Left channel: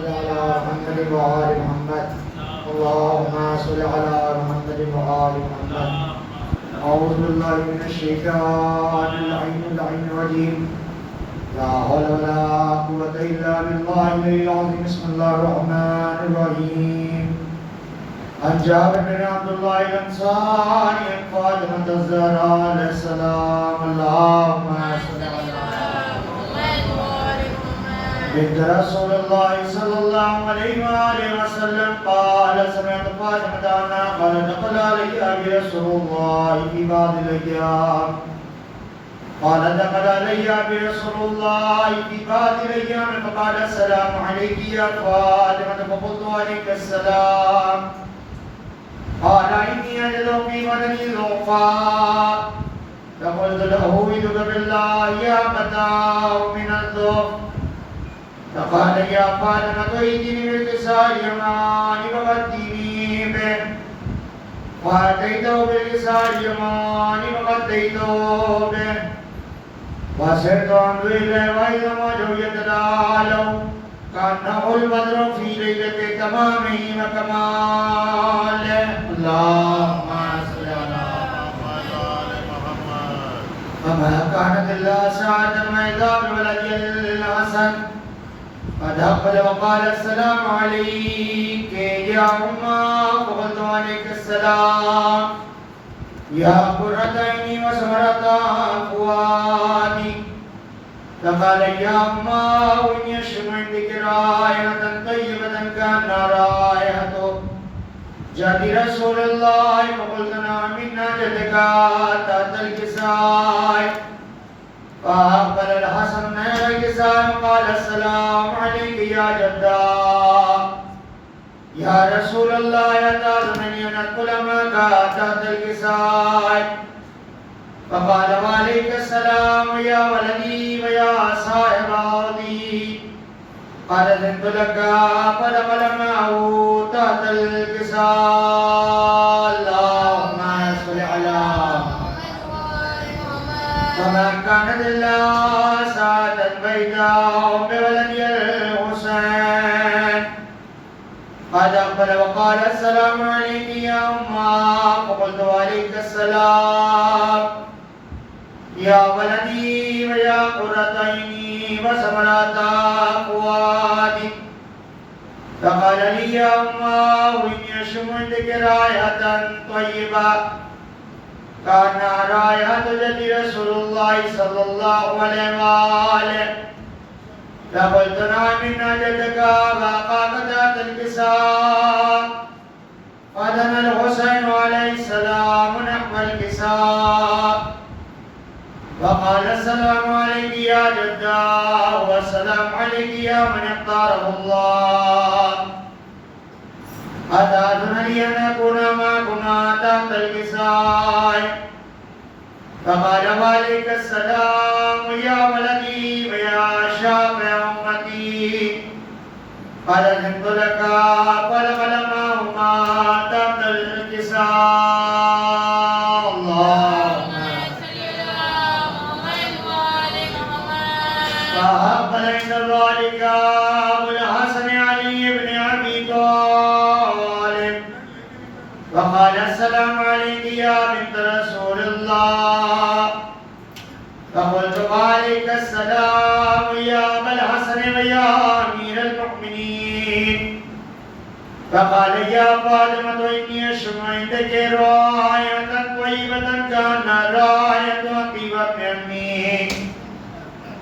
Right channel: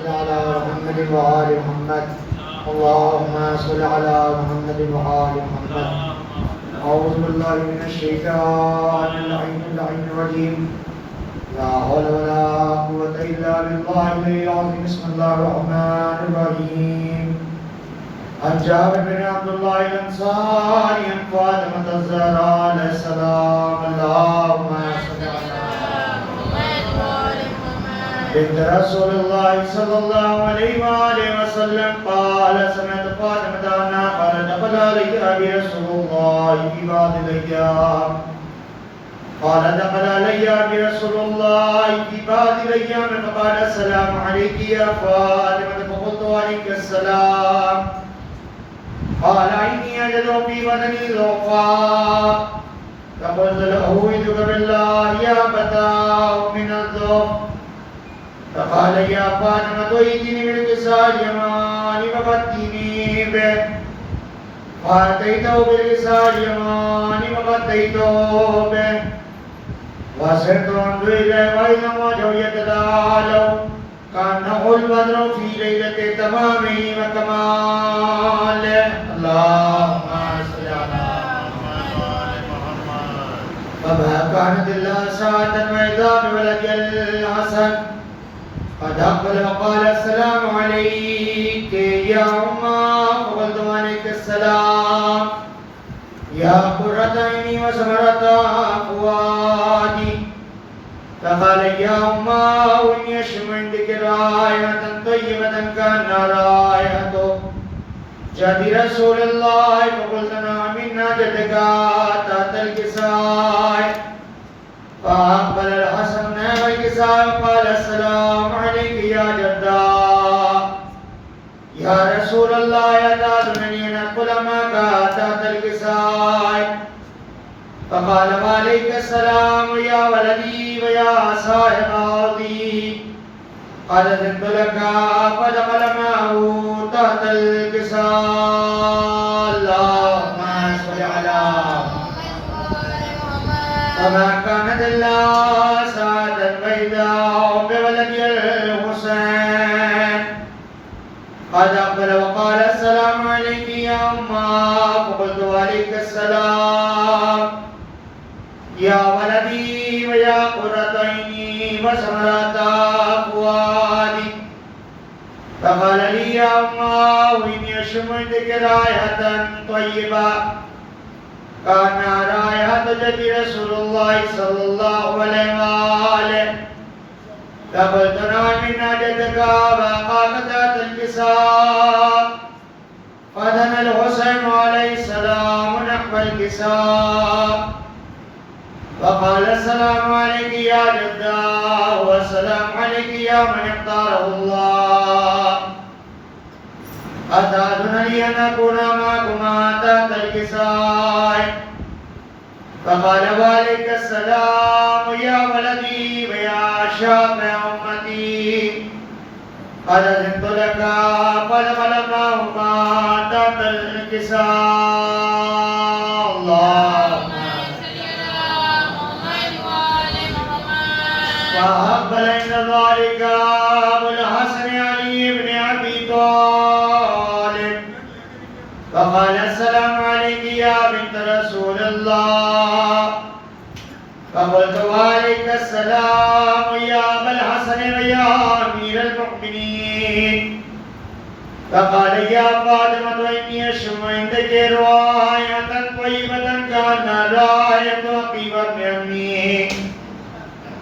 صل على محمد وآل محمد اللهم صل على محمد وآل محمد. أعوذ بالله من الشيطان اللعين الرجيم. لا حول ولا قوة إلا بالله العلي العظيم. بسم الله الرحمن الرحيم. عن جابر بن عبد الله الأنصاري عن فاطمة الزهراء عليه السلام. اللهم صل على محمد وآل محمد. بنت رسول الله صلى الله عليه وآله وسلم قال سمعت فاطمة أنها قالت دخل علي أبي رسول الله في بعض الأيام. قال دخل علي أبي رسول الله في بعض الأيام فقال السلام عليك يا فاطمة فقلت عليك السلام. قال إني أجد في بدني ضعفا فقلت له أعوذ بالله يا فتاه من الضعف. فقال يا فاطمة ائتني بالكساء اليماني فغطني به. فأتيته بالكساء اليماني فغطيته به وسرت أنظر إليه وإذا وجهه يتلألأ كأنه البدر في ليلة تمامه وكماله. اللهم صل على محمد. فما كانت إلا ساعة وإذا بولد الحسن قد أقبل وقال السلام عليك يا أمه. فقلت عليك السلام يا قرة عيني وسمرة فؤادي. فقال يا أمه إني أشم عندك رائحة طيبة كأنها رائحة جد رسول الله. فقلت نعم إن جدك تحت الكساء. فأقبل الحسن نحو الكساء وقال السلام عليك يا جدا. يا رسول الله أتأذنني أن أدخل معك تحت الكساء. فقال وعليك السلام يا ولدي ويا صاحب أرضي. قال أذنت لك فدخل معه تحت الكساء. اللهم صل على وما كانت إلا ساعة بيضاء بولد الحسين. قد أقبل وقال السلام عليك يا أمه. فقلت وعليك السلام يا ولدي ويا قرة عيني وسمرة فؤادي. فقال لي يا أمه إني أشم عندك رائحة طيبة كأنها رائحة جد رسول الله صلى الله عليه وآله. فقلت نعم إن جدك وأخاك تحت الكساء. فدنا الحسين عليه السلام نحو الكساء وقال السلام عليك يا جدا والسلام عليك يا من اختاره الله. أتأذنني أن أكون معكما تحت الكساء. فقال وعليك السلام يا ولدي ويا شافع أمتي. قد أذنت لك فدخل معهما تحت الكساء. فأقبل عند ذلك أبو الحسن علي بن أبي طالب. فقال السلام عليك يا بنت رسول الله. فقلت وعليك السلام يا أبا الحسن ويا أمير المؤمنين. فقال يا فاطمة إني أشم عندك رائحة طيبة كأنها رائحة طيبة أمي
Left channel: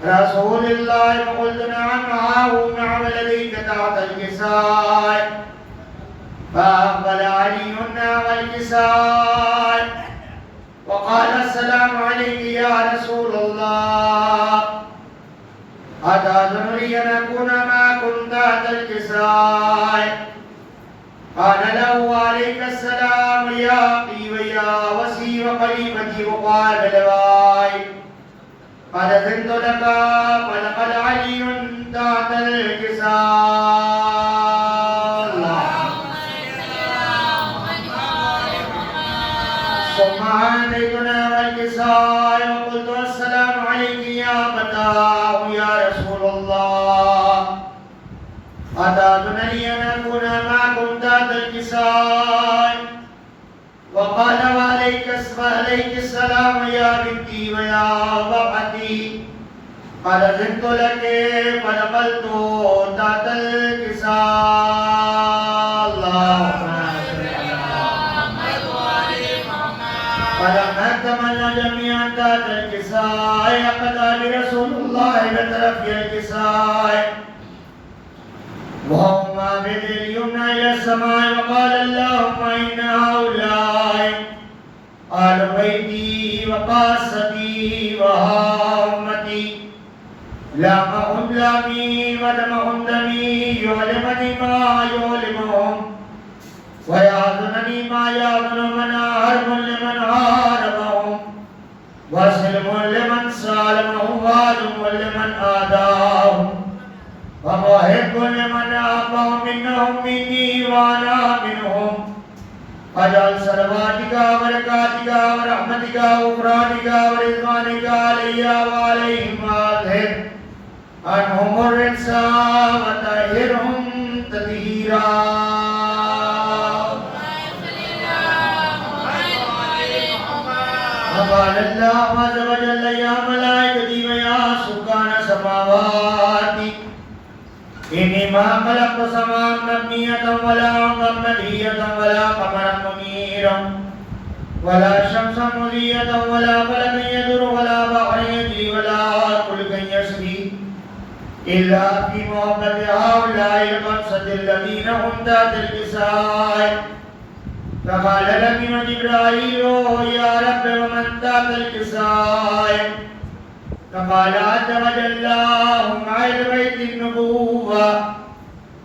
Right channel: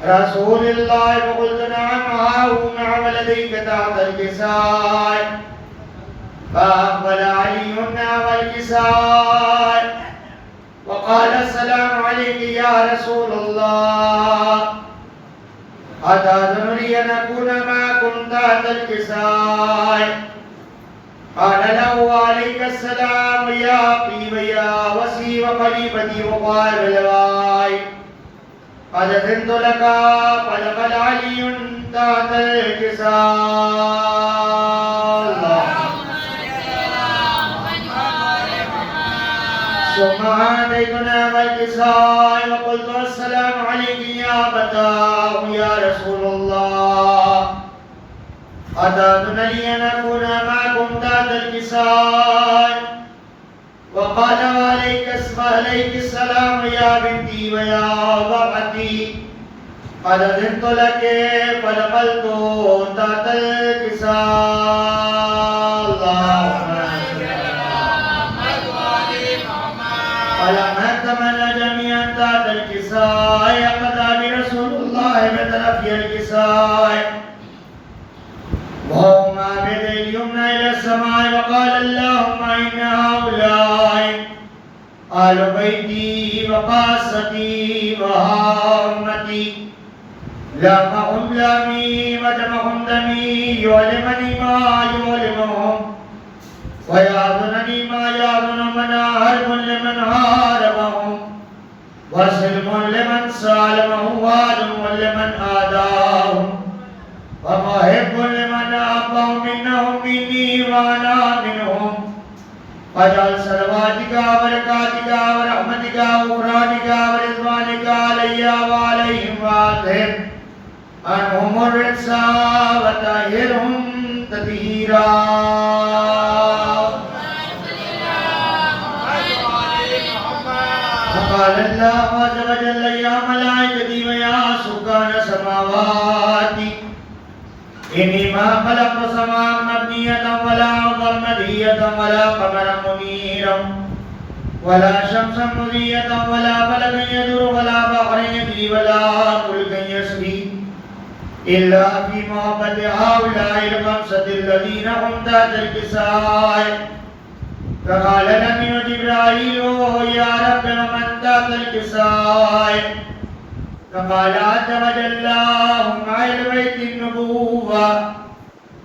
رسول الله. فقلت نعم ها هو نعم لديك تحت الكساء. فأقبل علي نحو الكساء وقال السلام عليك يا رسول الله. أتأذنني أن أكون معكم تحت الكساء. قال له عليك السلام يا أخي ويا وسي وقريبتي وقائب الغائب. قد أذنت لك فدخل علي تحت الكساء. ثم أتيتنا الكساء وقلت السلام عليك يا فتاه يا رسول الله. أتأذن لي أن أكون معكم ذات الكساء وقال وعليك السلام يا بنتي ويا ضرعتي قد أذنت لك فدخلت ذات الكساء اللهم صل على محمد وآل محمد. فلما اكتمل جميعا ذات الكساء أقتدى برسول الله بطرفي الكساء وهما بيد اليمنى إلى السماء وقال اللهم إن هؤلاء آل بيتي وقاصتي وهامتي لامهم لامي ودمهم دمي يعلمني ما يعلمهم ويعظنني ما يعظنهم أنا حرب لمن حاربهم وسلم لمن سالمهم وعدم لمن آداهم ومحب لمن أحبهم منهم مني وأنا منهم واجعل صلواتك وبركاتك ورحمتك وغفرانك ورضوانك علي وعليهم وأذهب عنهم الرجس وطهرهم تطهيرا. وقال الله عز وجل يا ملائكتي ويا سكان سماواتي إني ما خلقت سماء مبنية ولا أرضا مدهية ولا قمرا منيرا ولا شمسا مضية ولا فلكا يدور ولا بحرا يجري ولا فلكا يسري إلا في محبة هؤلاء الخمسة الذين هم تحت الكساء. فقال لمن جبرائيل يا رب ومن تحت الكساء؟ فقال عز وجل هم أهل بيت النبوة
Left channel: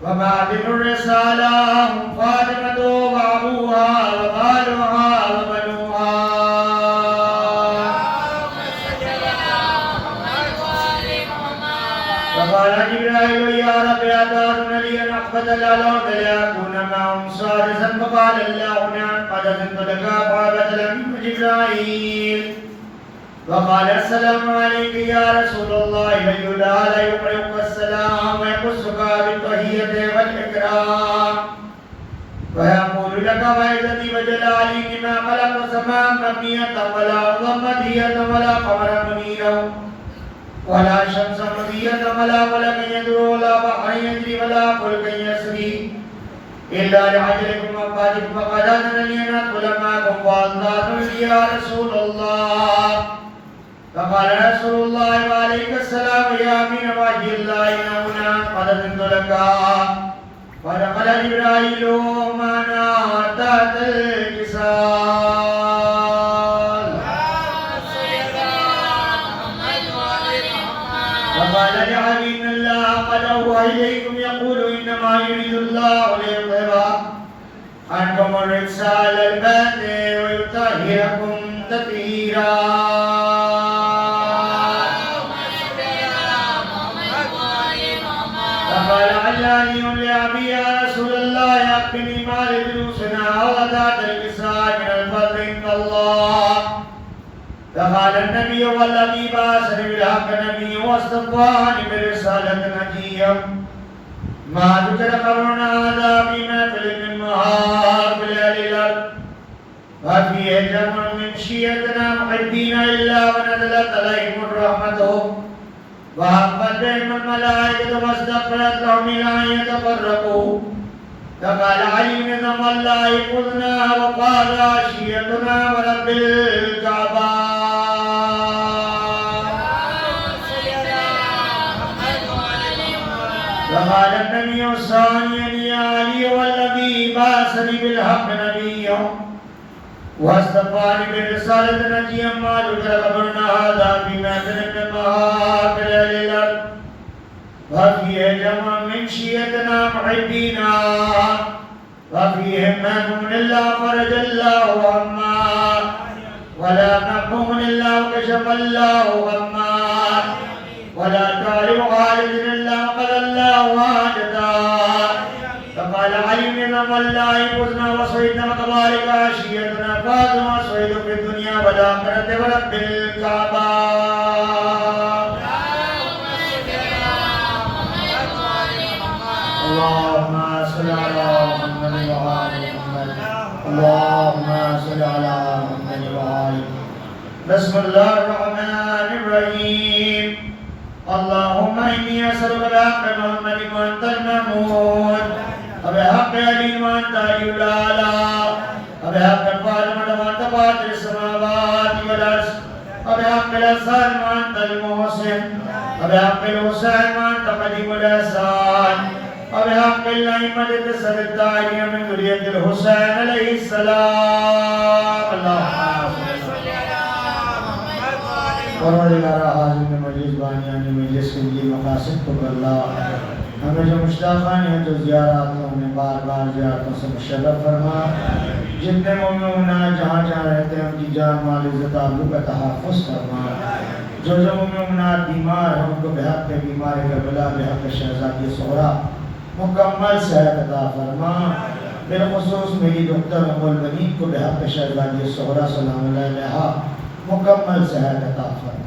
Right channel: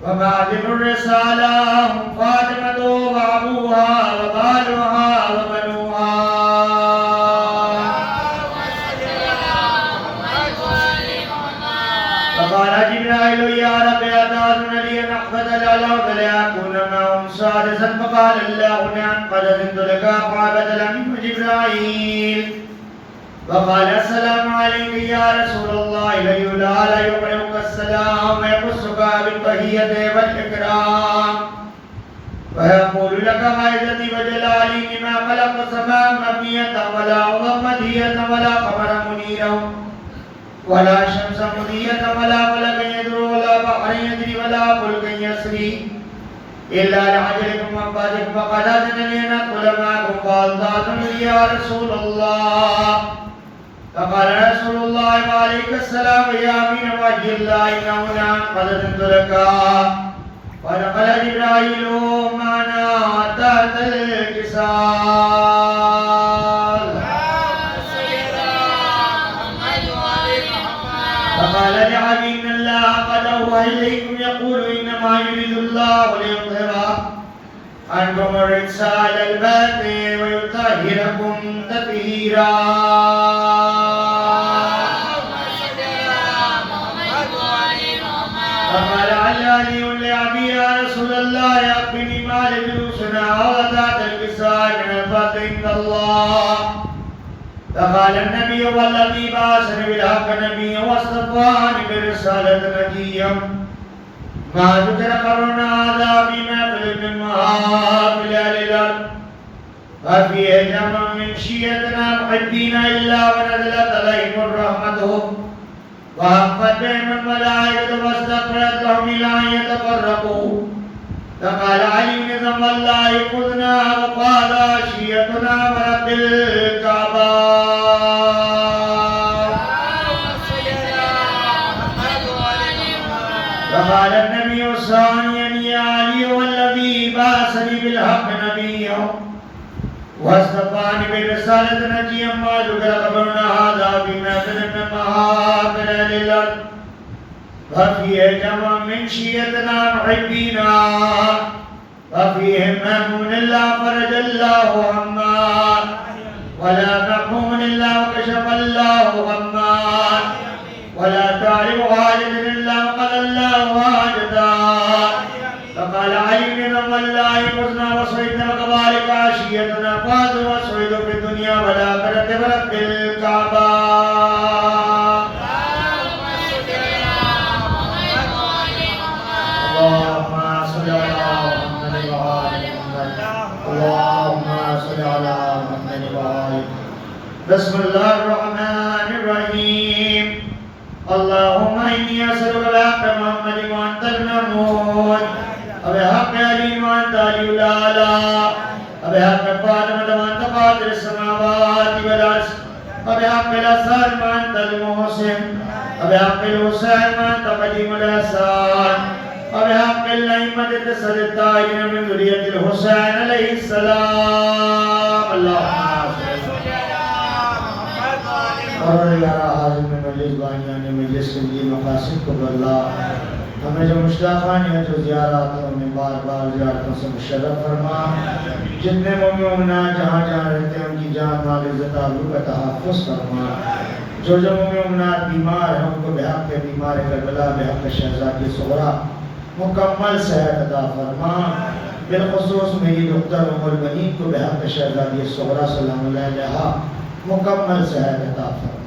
وخاتم الرسالة هم فاطمة وأبوها وبالها وبنوها. فقال جبرائيل يا رب أتأذن لي أن أقبض الأرض لأكون معهم سادسا؟ فقال الله نعم قد أذنت لك فأبدل منه جبرائيل وقال السلام عليك يا رسول الله ليلا لا يقرئك السلام ويقصك بالتحية والإكرام ويقول لك وعزتي وجلالي لما خلق سماء مبنية ولا أرضا مدهية ولا قمرا منيرا ولا شمس مضية ولا فلكا يدور ولا بحرا يجري ولا فلكا يسري إلا لعجلكم وأنفاسكم فقد أذنني أن أدخل معكم فأذنتم يا رسول الله. فقال رسول الله وعليك السلام يا أمين وجه الله إنه نعم قد أذنت لك. ودخل جبرائيل معنا تحت الكساء. فقال لعلي إن الله قد أوحى إليكم يقول إنما يريد الله ليظهر عنكم الرجس أهل البيت ويطهركم تطهيرا. فقال علاني لأبي يا رسول الله أخبرني ما لجلوسنا وتحت الكساء من الفضل عند الله. فقال النبي والذي بعثني بالحق نبيا واصطفاني برسالة نجيا ما ذكر قرن هذا في محفل من محافل أهل الأرض وفيه جمع من شيعتنا محبين إلا ونزلت عليهم الرحمة وحفت بهم الملائكة واستغفرت لهم إلى أن يتفرقوا. فقال علي بن الله خذنا وقال شيعتنا ورب الكعبة. فقال النبي ثانيا يا علي والذي بعثني بالحق نبيا واصطفاني بالرسالة نجيا ما ذكر قبلنا هذا في محفل من محافل أهل الأرض وفيه جمع من شيعتنا محبينا وفيهم مهموم إلا فرج الله عما ولا محموم إلا وكشف الله عما ولا تعرف خالد إلا وقضى الله حاجتا. فقال علي بن الله فزنا وصيدنا وكذلك عشيتنا فازوا وصيدوا في الدنيا والآخرة ورب الكعبة. اللهم صل على محمد وآل محمد اللهم صل على محمد وآل بسم الله الرحمن الرحيم اللهم إني أسألك بحق محمد وأنت المحمود وبحق علي وأنت علي الأعلى وبحق فاطمة وأنت قادر السماوات والأرض وبحق الحسن وأنت المحسن وبحق الحسين وأنت قديم الإحسان وبحق الأئمة التسعة من ذرية الحسين عليه السلام اللهم صل على محمد وعلى آل مجلس بانیان مجلس کے لیے مقاصد کو بدلا ہمیں جو مشتاقان ہیں جو زیاراتوں میں بار بار زیارتوں سے مشرف فرما جتنے مومنات جہاں جہاں رہتے ہیں ان کی جان مال عزت آبرو کا تحفظ فرما جو مومنات بیمار ہیں ان کو بحق کے بیمار کربلا بحق شہزادی صغرا مکمل صحت عطا فرما بالخصوص میری دختر ام البنین کو بحق شہزادی صغرا سلام اللہ علیہا مکمل صحت عطا فرما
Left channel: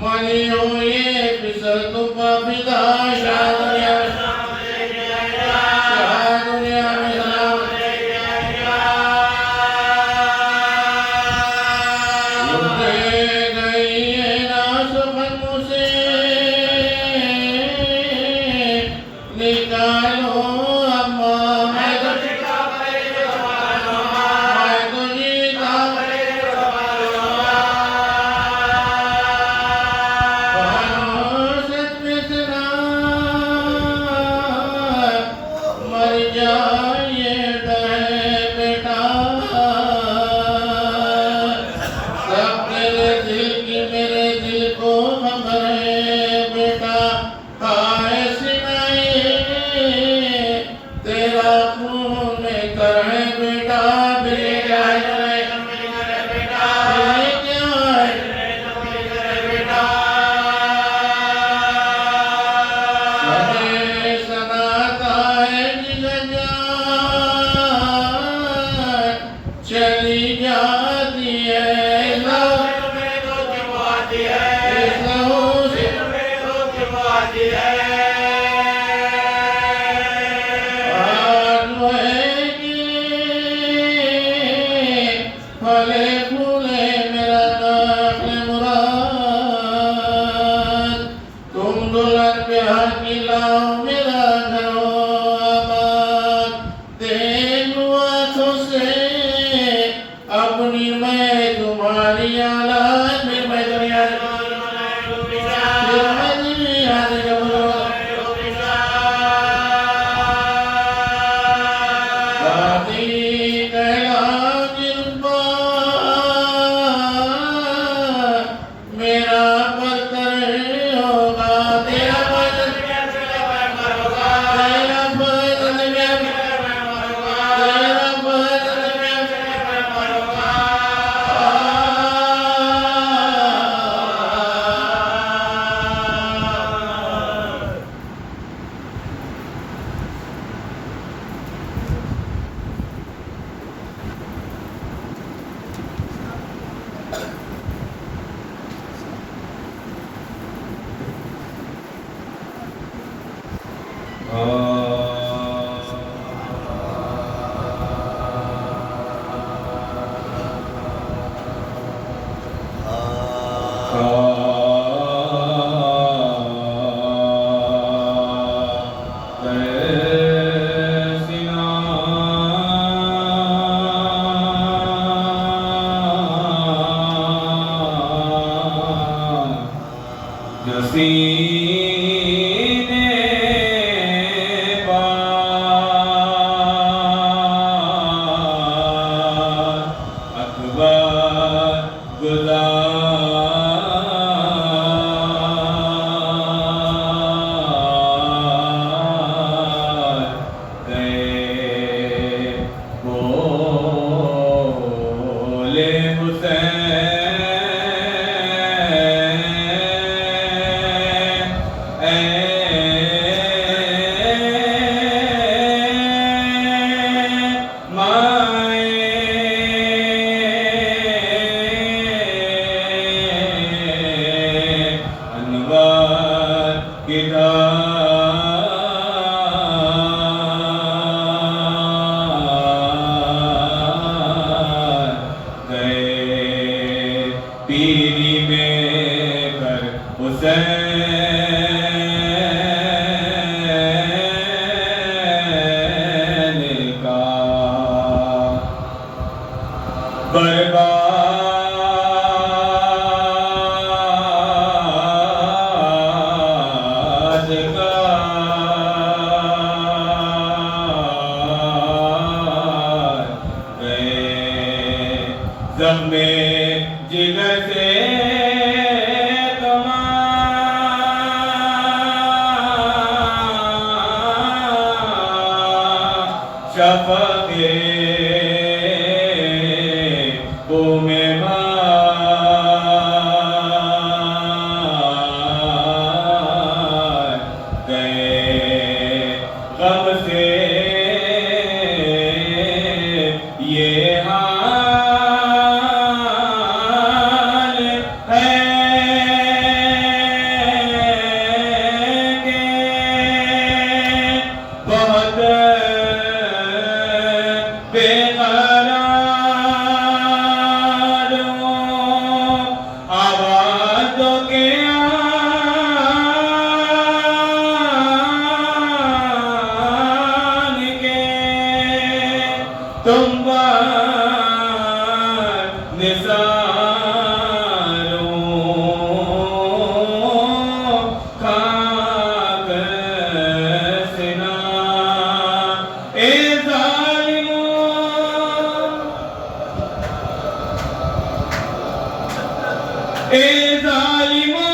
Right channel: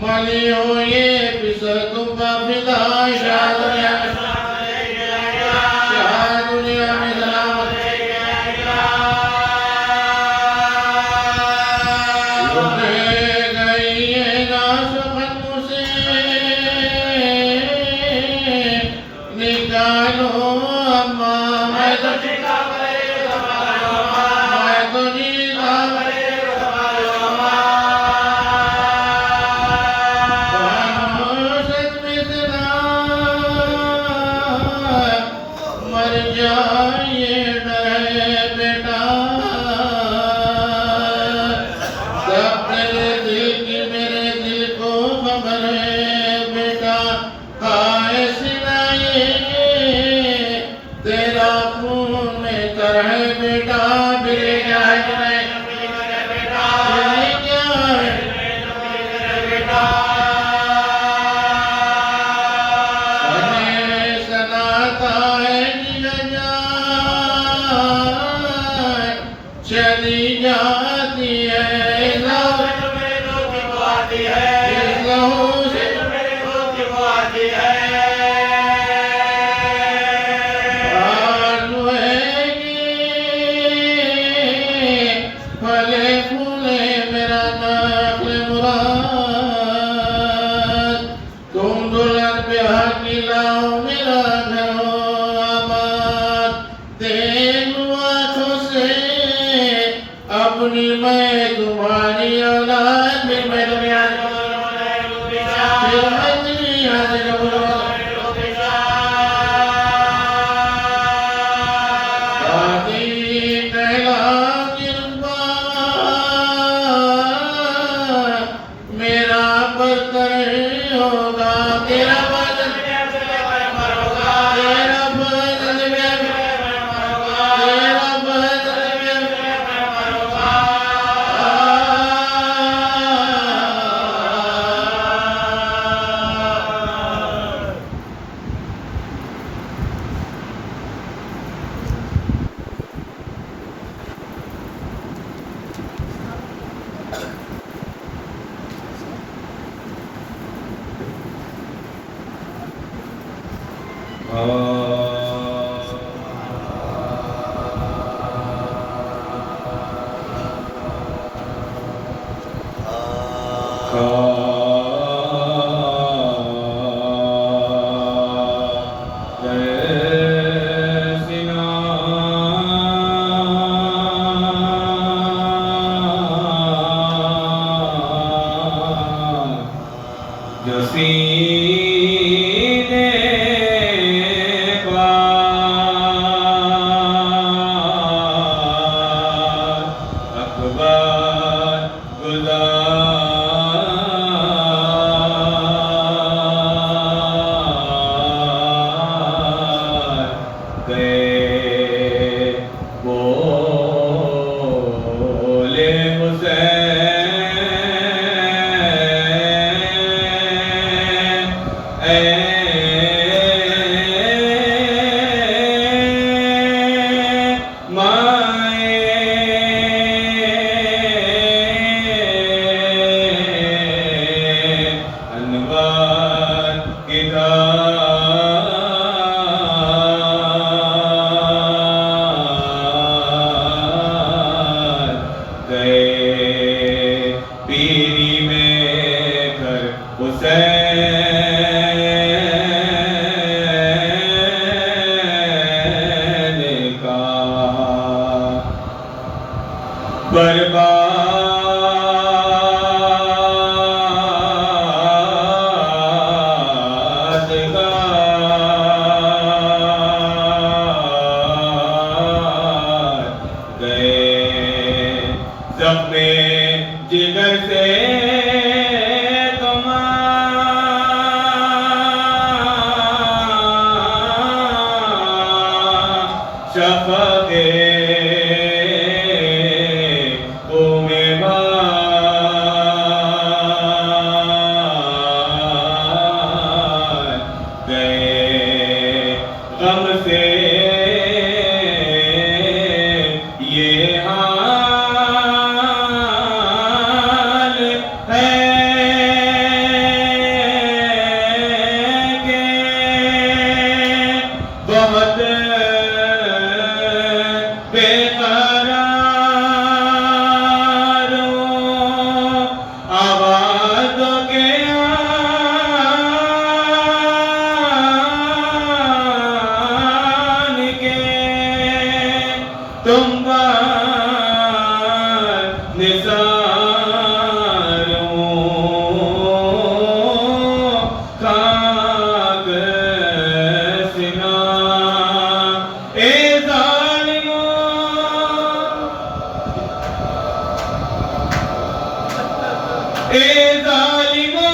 Maliyo ye pisatu pa pida shadya تم بار نثاروں خاک سنا اے ظالموں اے ظالموں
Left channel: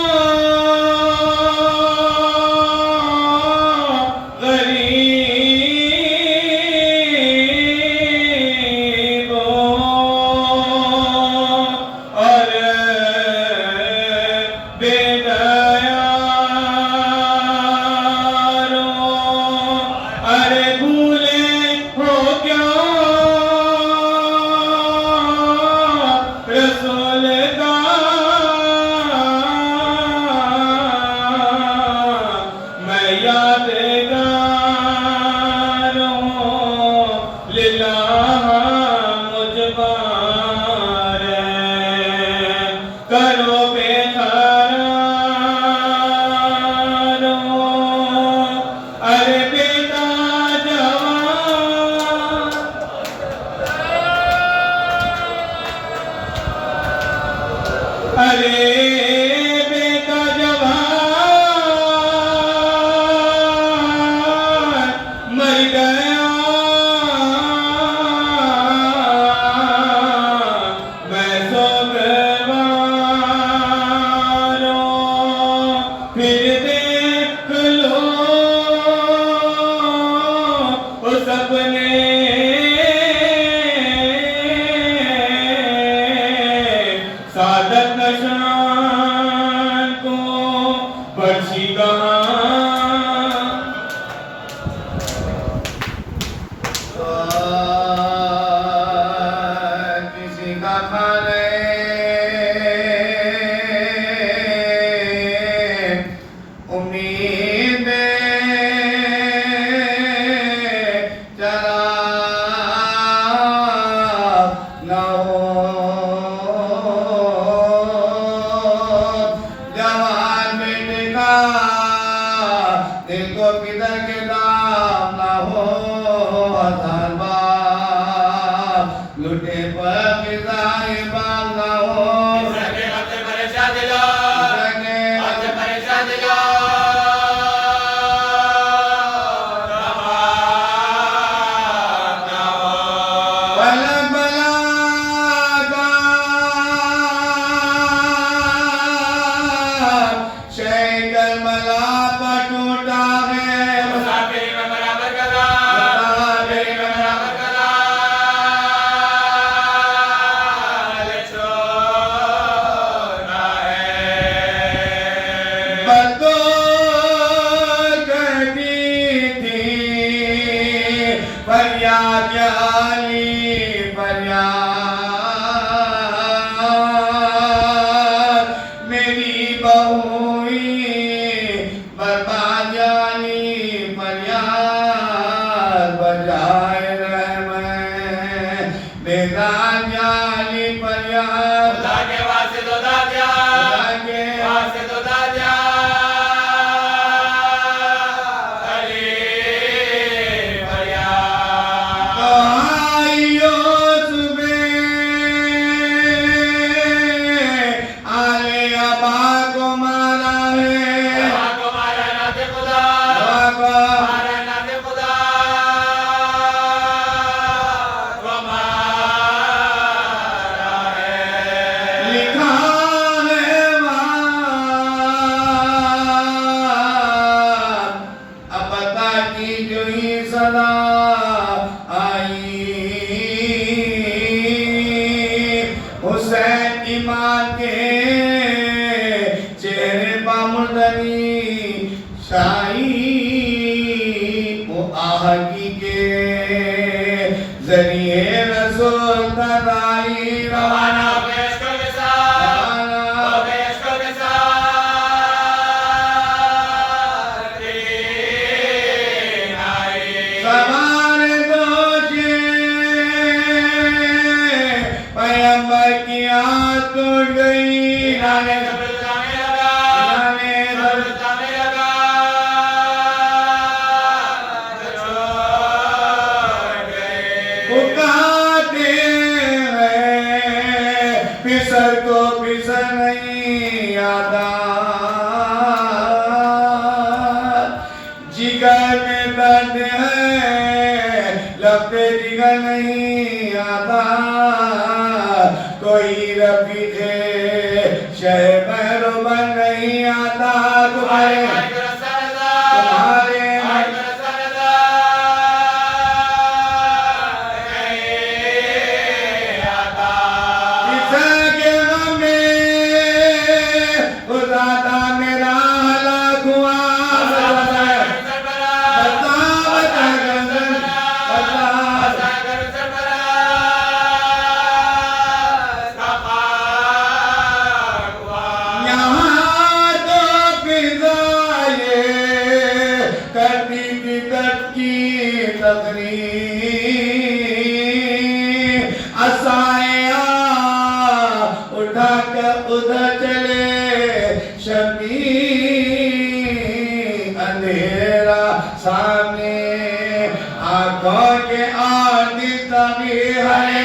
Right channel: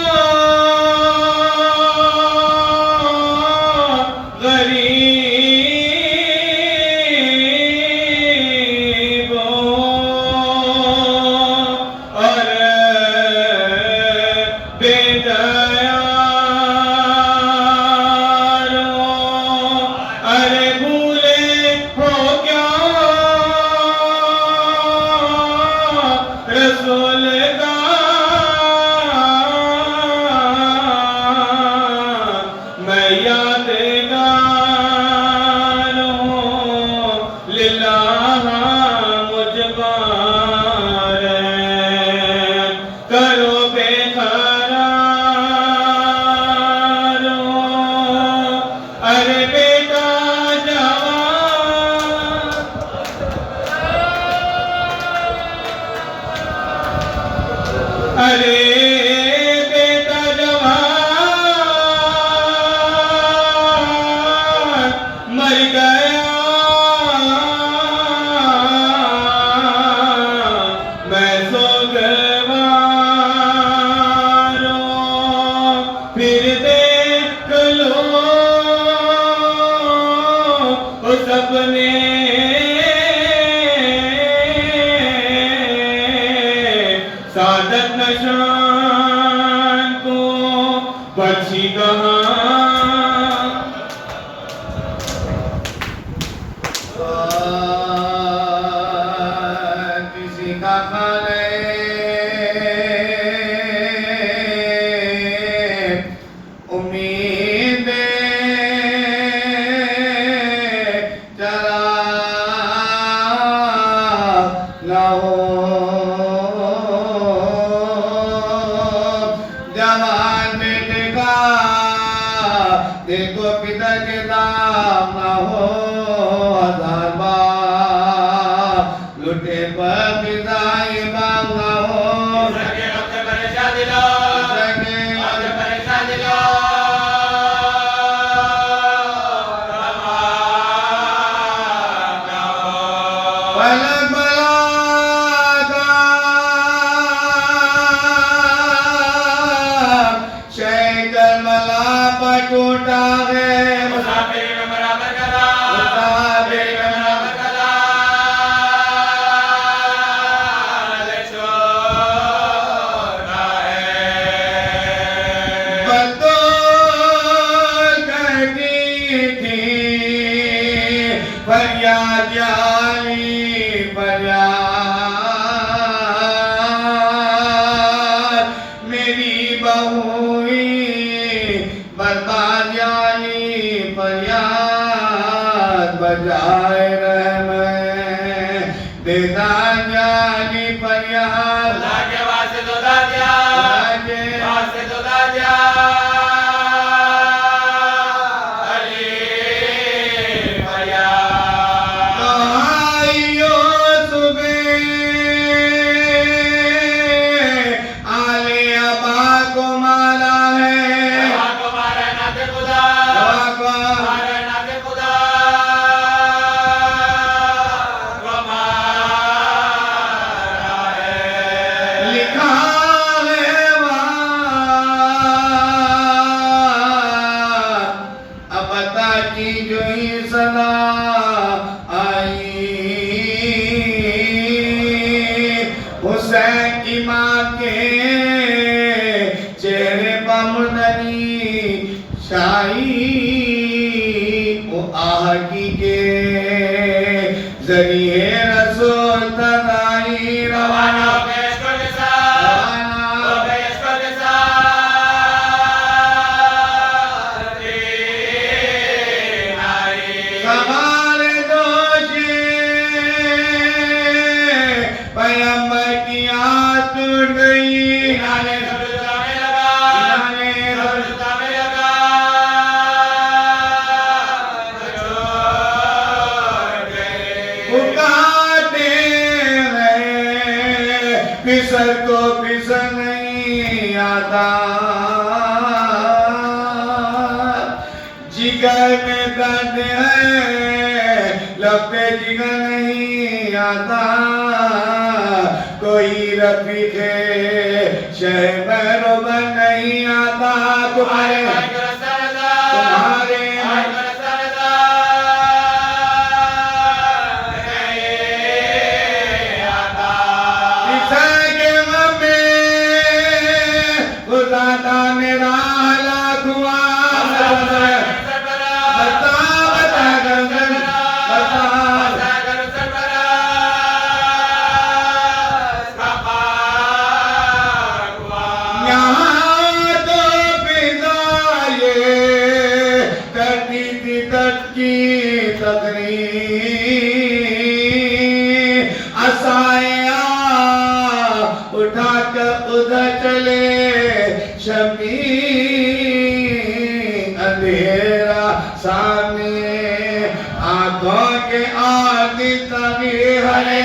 کہاں سر کو پھسل نہیں آتا جگر میں درد ہے لب پہ جگر نہیں آتا کوئی رفیق شہ مہربا نہیں آتا تمہارے اٹھا کر ادھر چلے شمی اندھیرا سامنے آنکھوں کے آدھی تعمیر ہے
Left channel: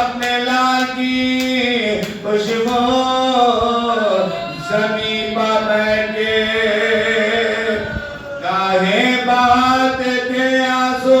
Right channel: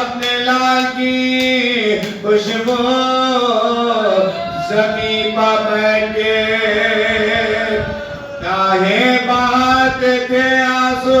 اپنے لال کی خوشبو زمین پر بیٹھ کے کاہے بہاتے تھے آنسو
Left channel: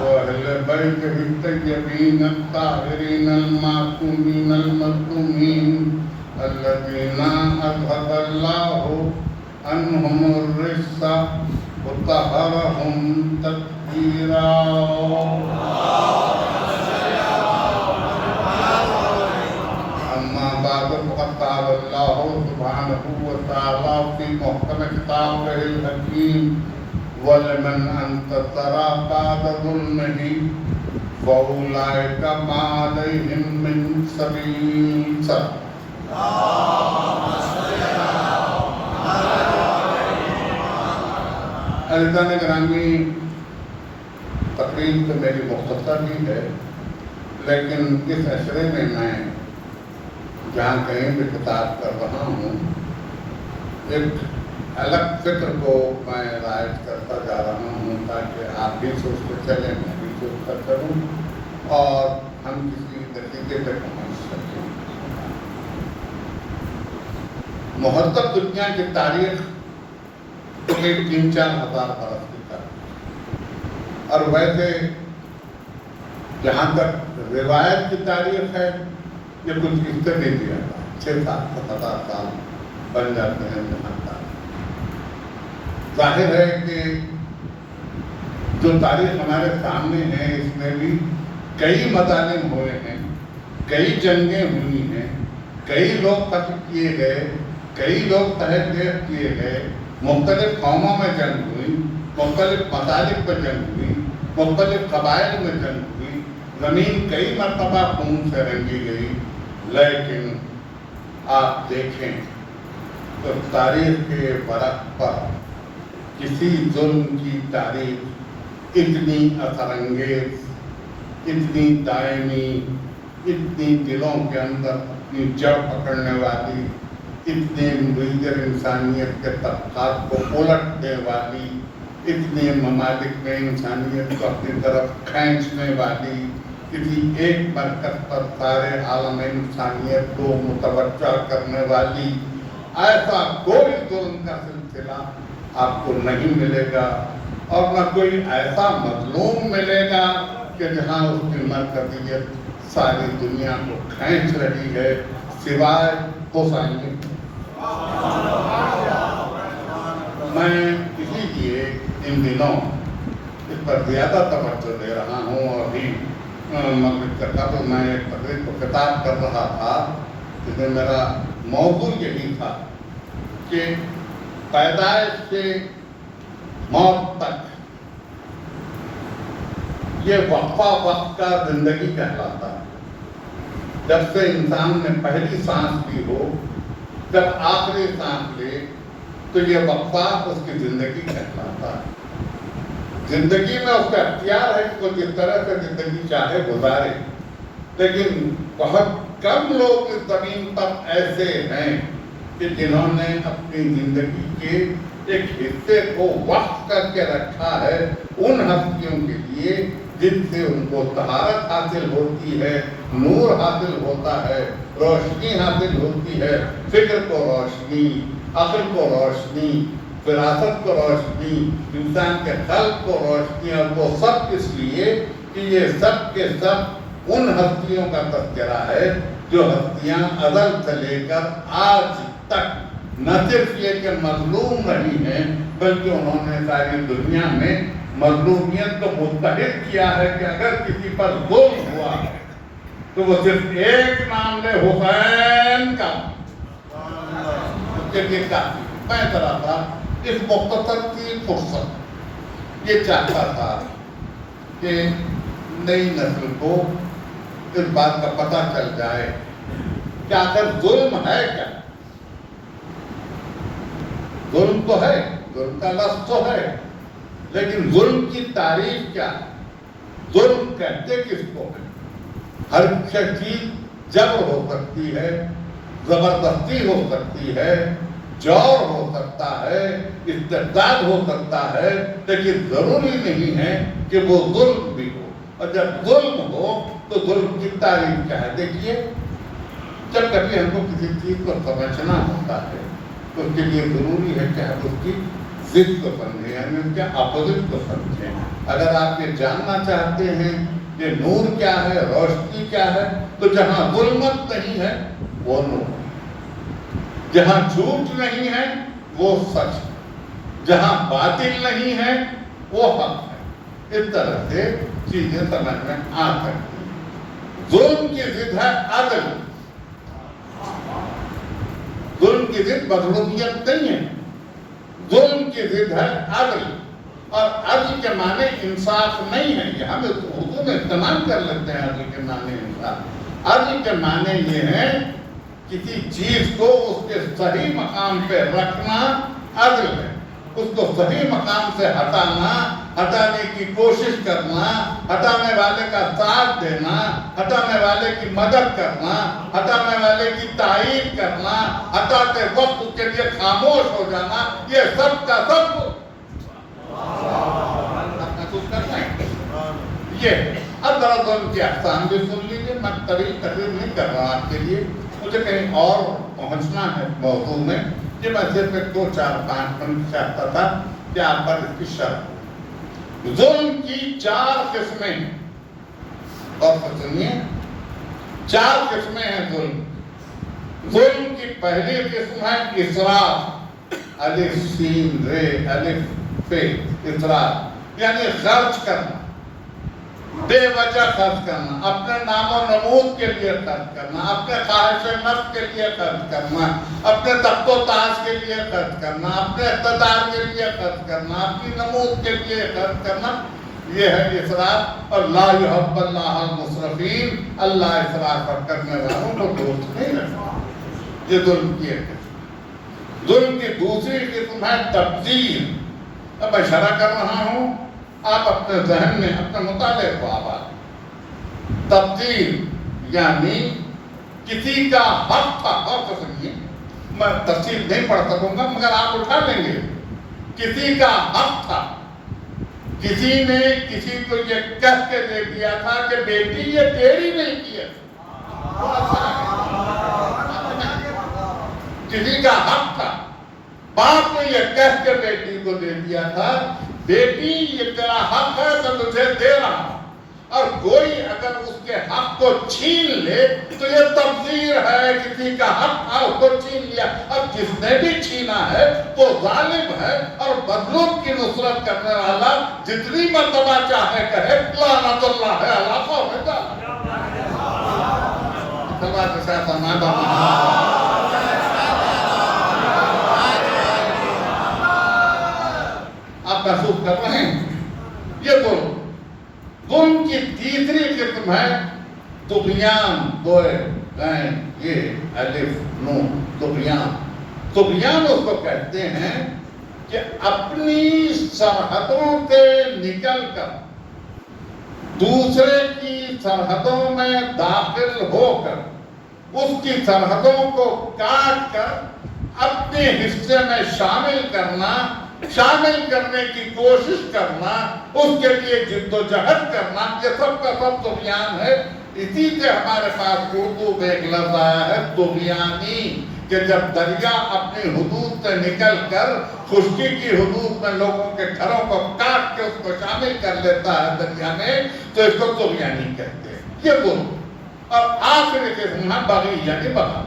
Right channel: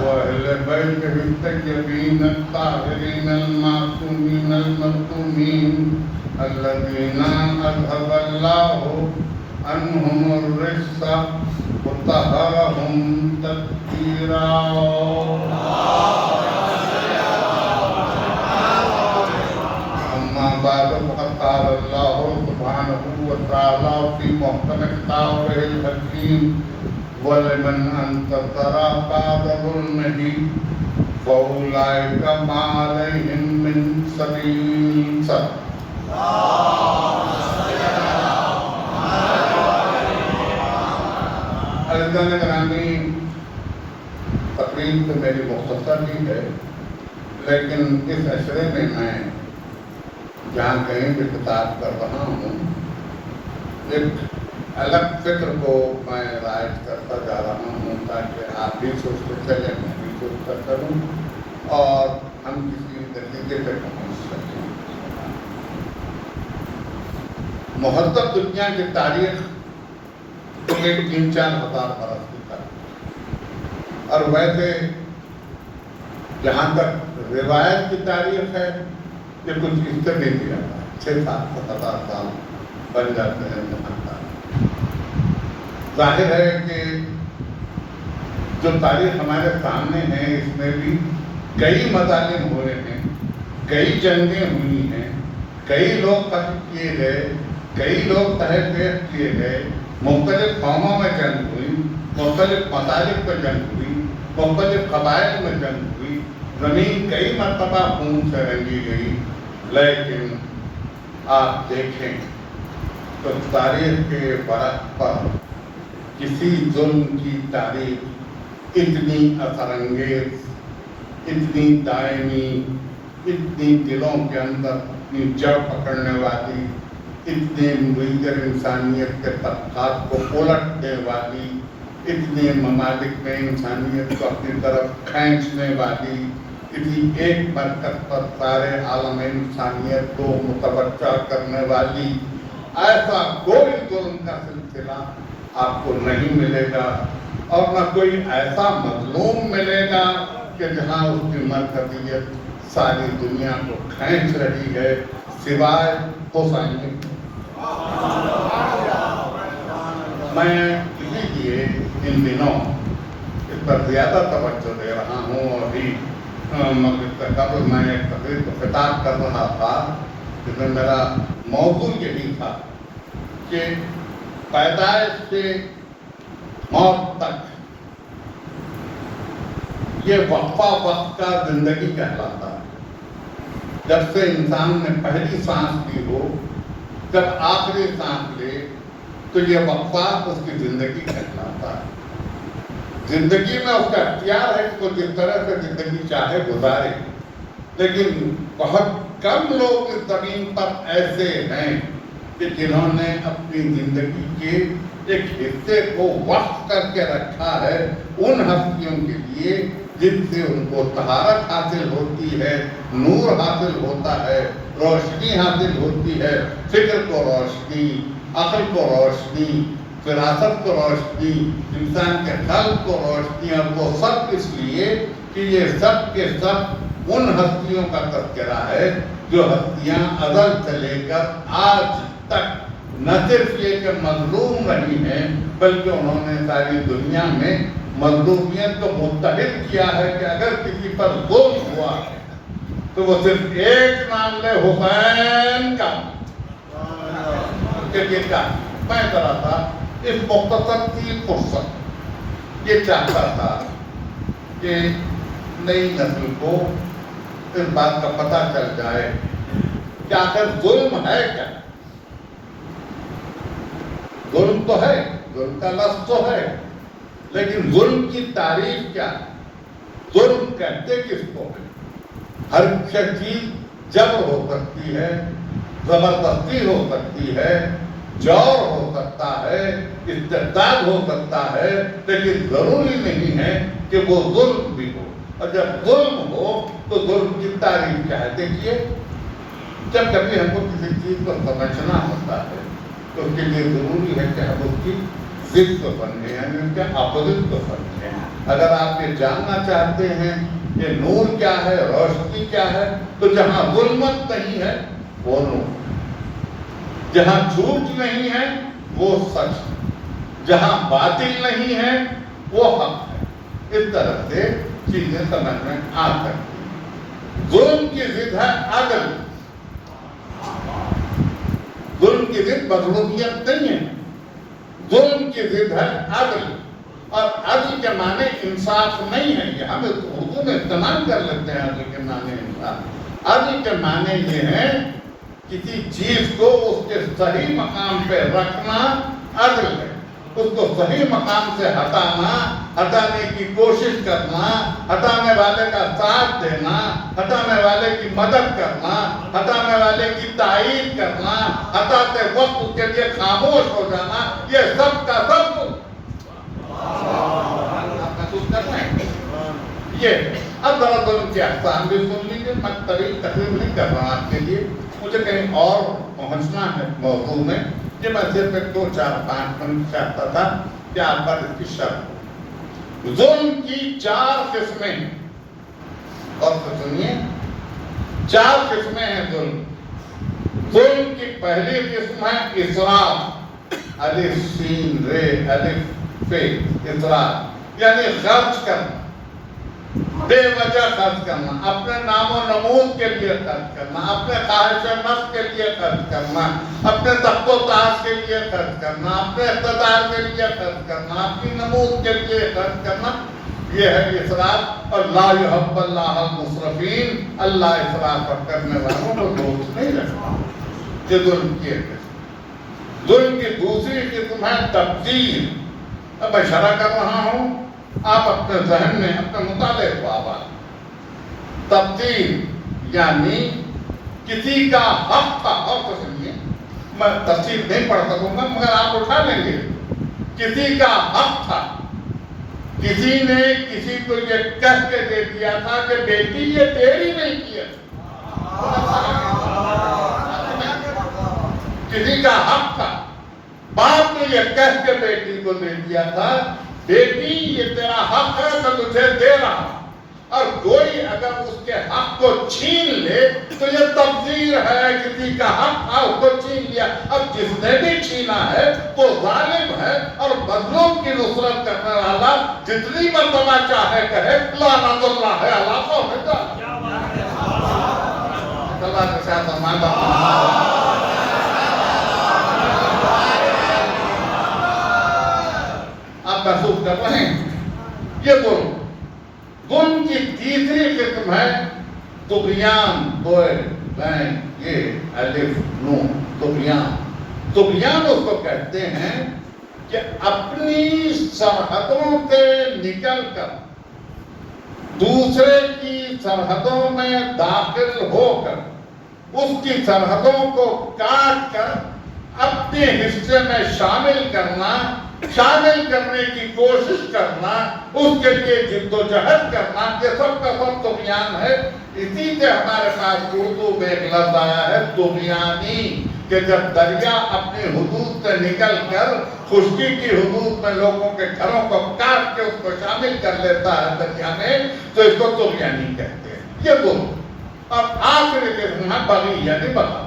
وأهل بيته الطيبين الطاهرين المعصومين المظلومين الذين أذهب الله عنهم الرجس وطهرهم تطهيرا أما بعد فقد قال الله سبحانه وتعالى في محكم كتابه الحكيم وَلِمَنْ أَنْتَصَرَ بَعْدَ ظُلْمِهِ فَأُولَئِكَ مَا عَلَيْهِمْ مِنْ سَبِيلٍ عزیزان گرامی، تقریر تو میری مختصر ہی ہے، لیکن اس عشرے میں میں جہاں کہیں بھی خطاب کر رہا ہوں ایک الگ فکر کو میں رائج کرتا جا رہا ہوں تاکہ آپ بھی سوچتے چلیں، میں بھی سوچتا چلوں اور ہم کسی نتیجے پہ پہنچ سکیں۔ مہذب دنیا کی تاریخ تو ایک 3-4 ہزار برس کی تاریخ، اور ویسے جہاں تک روایت کی تاریخ ہے یہ کچھ اس سے نہیں دیا تھا، 6-7 سال بن جاتے ہیں۔ ظاہر ہے کہ جو تاریخ ہمارے سامنے ہے اس میں بھی کئی مظالم ہوئے ہیں، کئی جنگیں ہوئی ہیں، کئی لوگ قتل کیے گئے، کئی لوگ تحت کیے گئے، مختلف قوموں میں جنگ ہوئی، مختلف مطالب پہ جنگ ہوئی، مختلف قبائل میں جنگ ہوئی، زمین کئی مرتبہ خون سے رنگی گئی، لیکن آپ دیکھیں تو تاریخ کے ورق پر کسی ظلم کی تاریخ اتنی اثر انگیز، اتنی دائمی، اتنی دلوں کے اندر جڑ پکڑنے والی، اتنے منظر انسانیت کے طبقات کو الٹنے والی، اتنے ممالک میں انسانیت کو اپنی طرف کھینچنے والی، اتنی ایک مرکز پر سارے عالم انسانیت کو متوجہ کرنے والی ایسا کوئی ظلم کا سلسلہ آپ کو نہیں ملے گا، اور نہ کوئی ایسا مظلوم ملے گا کہ جہاں اس کی مرکزیت ساری دنیا کو کھینچ رہی ہے سوائے حسینی۔ میں اسی لیے ان دنوں اس پر زیادہ توجہ دے رہا ہوں، اور ابھی مغرب سے قبل میں ایک تقریر کو خطاب کر رہا تھا جس میں میرا موضوع یہی تھا کہ پیدائش سے موت تک یہ وقفہ وقت کا زندگی کہلاتا ہے۔ جب سے انسان نے پہلی سانس لی ہو، جب آخری سانس لے، تو یہ وقفہ اس کی زندگی کہلاتا ہے۔ زندگی میں اس کا اختیار ہے کہ وہ جس طرح سے زندگی چاہے گزارے، لیکن بہت کم لوگ اس زمین پر ایسے ہیں کہ جنہوں نے اپنی زندگی کے ایک حصے کو وقف کر کے رکھا ہے ان ہستیوں کے لیے جن سے ان کو طہارت حاصل ہوتی ہے، نور حاصل ہوتا ہے، روشنی حاصل ہوتی ہے، فکر کو روشنی، عقل کو روشنی، فراست کو روشنی، انسان کے قلب کو روشنی، اور وہ سب اس لیے کہ یہ سب کے سب ان ہستیوں کا تذکرہ ہے جو ہستیاں ازل سے لے کر آج تک نہ صرف یہ کہ مظلوم رہی ہیں بلکہ انہوں نے ساری دنیا میں مظلومیت کو متحد کیا ہے کہ اگر کسی پر ظلم ہوا تو تو وہ صرف ایک نام لے حسین کا میں ذرا تھا اس مختصر کی فرصت یہ چاہتا تھا کہ نئی نسل کو اس بات کا پتہ چل جائے کہ آخر ظلم ہے کیا. ظلم تو ہے، ظلم کا لفظ تو ہے، لیکن ظلم کی تعریف کیا ہے؟ ظلم کہتے کس کو ہے؟ ہر چیز جبر ہو سکتی ہے، زبردستی ہو سکتی ہے، جور ہو سکتا ہے، استبداد ہو سکتا ہے، لیکن ضروری نہیں ہے کہ وہ ظلم بھی ہو. اور جب ظلم ہو تو ظلم کی تعریف کیا ہے؟ دیکھیے، جب کبھی ہم کو کسی چیز کو سمجھنا ہوتا ہے تو اس کے لیے ضروری ہے کہ ہم اس کی ضد کو سمجھیں، یعنی اس کے اپوزٹ کو سمجھیں. اگر آپ یہ جاننا چاہتے ہیں کہ نور کیا ہے، روشنی کیا ہے، تو جہاں ظلمت نہیں ہے وہ نور، جہاں جھوٹ نہیں ہے وہ سچ، جہاں باطل نہیں ہے وہ حق ہے. اس طرح سے چیزیں سمجھ میں آ سکتی ہیں. ظلم کی ضد ہے عدل. ظلم کی ضد مظلومیت نہیں ہے، ظلم کی ضد ہے عدل. اور عدل کے معنی انصاف نہیں ہے. یہ ہم اردو میں استعمال کر لیتے ہیں عدل کے معنی انصاف. عدل کے معنی یہ ہے کسی چیز کو اس کے صحیح مقام پہ رکھنا عدل ہے. اس کو صحیح مقام سے ہٹانے کی کوشش کرنا، ہٹانے والے کا ساتھ دینا، ہٹانے والے کی مدد کرنا، ہٹانے والے کی تائید کرنا، ہٹاتے وقت اس کے لیے خاموش ہو جانا، یہ سب کا سب آپ محسوس کر رہے ہیں. یہ اب ذرا ظلم کی اقسام بھی سن لیجیے. میں طویل تقریر نہیں کر رہا آپ کے لیے، مجھے کہیں اور پہنچنا ہے موضوع میں. کہ میں صرف 2-4-5 منٹ چاہتا تھا کہ آپ پر اس کی شرح. ظلم کی 4 قسمیں ہیں، اور سنیے 4 قسمیں ہیں ظلم. ظلم کی پہلی قسم ہے اسراف، الف سین رے الف پہ اسراف، یعنی خرچ کرنا، بے وجہ خرچ کرنا، اپنے نام و نمود کے لیے خرچ کرنا، اپنے خواہش نفس کے لیے خرچ کرنا، اپنے تخت و تاج کے لیے خرچ کرنا، اپنے اقتدار کے لیے خرچ کرنا، اپنی نمود کے لیے خرچ کرنا. یہ ہے اسراف. اور لا یحب اللہ المسرفین، اللہ اسراف کرنے والوں کو دوست نہیں رکھتا. یہ ظلم کی ایک قسم. ظلم کی دوسری قسم ہے تبذیر. اب میں اشارہ کر رہا ہوں، آپ اپنے ذہن میں اپنے مطالعے کو آباد. تبذیر یعنی کسی کا حق تھا، اور سنیے میں تفصیل نہیں پڑھ سکوں گا مگر آپ اٹھا لیں گے. کسی کا حق تھا، کسی نے کسی کو یہ کہہ کے دے دیا تھا کہ بیٹی یہ تیری نہیں کی ہے. کسی کا حق تھا، باپ نے یہ کہہ کے بیٹی کو دے دیا تھا بیٹی یہ تیرا حق ہے تو تجھے دے رہا ہوں. اور کوئی اگر اس کے حق کو چھین لے تو یہ تبذیر ہے. کسی کا حق تھا اس کو چھین لیا. اب جس نے بھی چھینا ہے وہ ظالم ہے، اور مظلوم کی نصرت کرنے والا جتنی مرتبہ چاہے کہے لعنت اللہ علی قوم ظالم. اللہ کے ساتھ ہمارا آپ محسوس کر رہے ہیں. یہ ظلم. ظلم کی تیسری قسم ہے طغیان، دوئے بین یہ الف نون طغیان. طغیان اس کو کہتے ہیں کہ اپنی سرحدوں سے نکل کر دوسرے کی سرحدوں میں داخل ہو کر اس کی سرحدوں کو کاٹ کر اپنے حصے میں شامل کرنے کی کوشش کرنا، اس کے لیے جد و جہد کرنا، یہ سب کا سب طغیان ہے. اسی سے ہمارے پاس اردو میں ایک لفظ آیا ہے طغیانی، کہ جب دریا اپنی حدود سے نکل کر خشکی کی حدود میں لوگوں کے گھروں کو کاٹ کے اس کو شامل کر لیتا ہے دریا میں، تو اس کو طغیانی کہتے ہیں. یہ ظلم. اور آخری قسم ہے بغی یعنی بغاوت.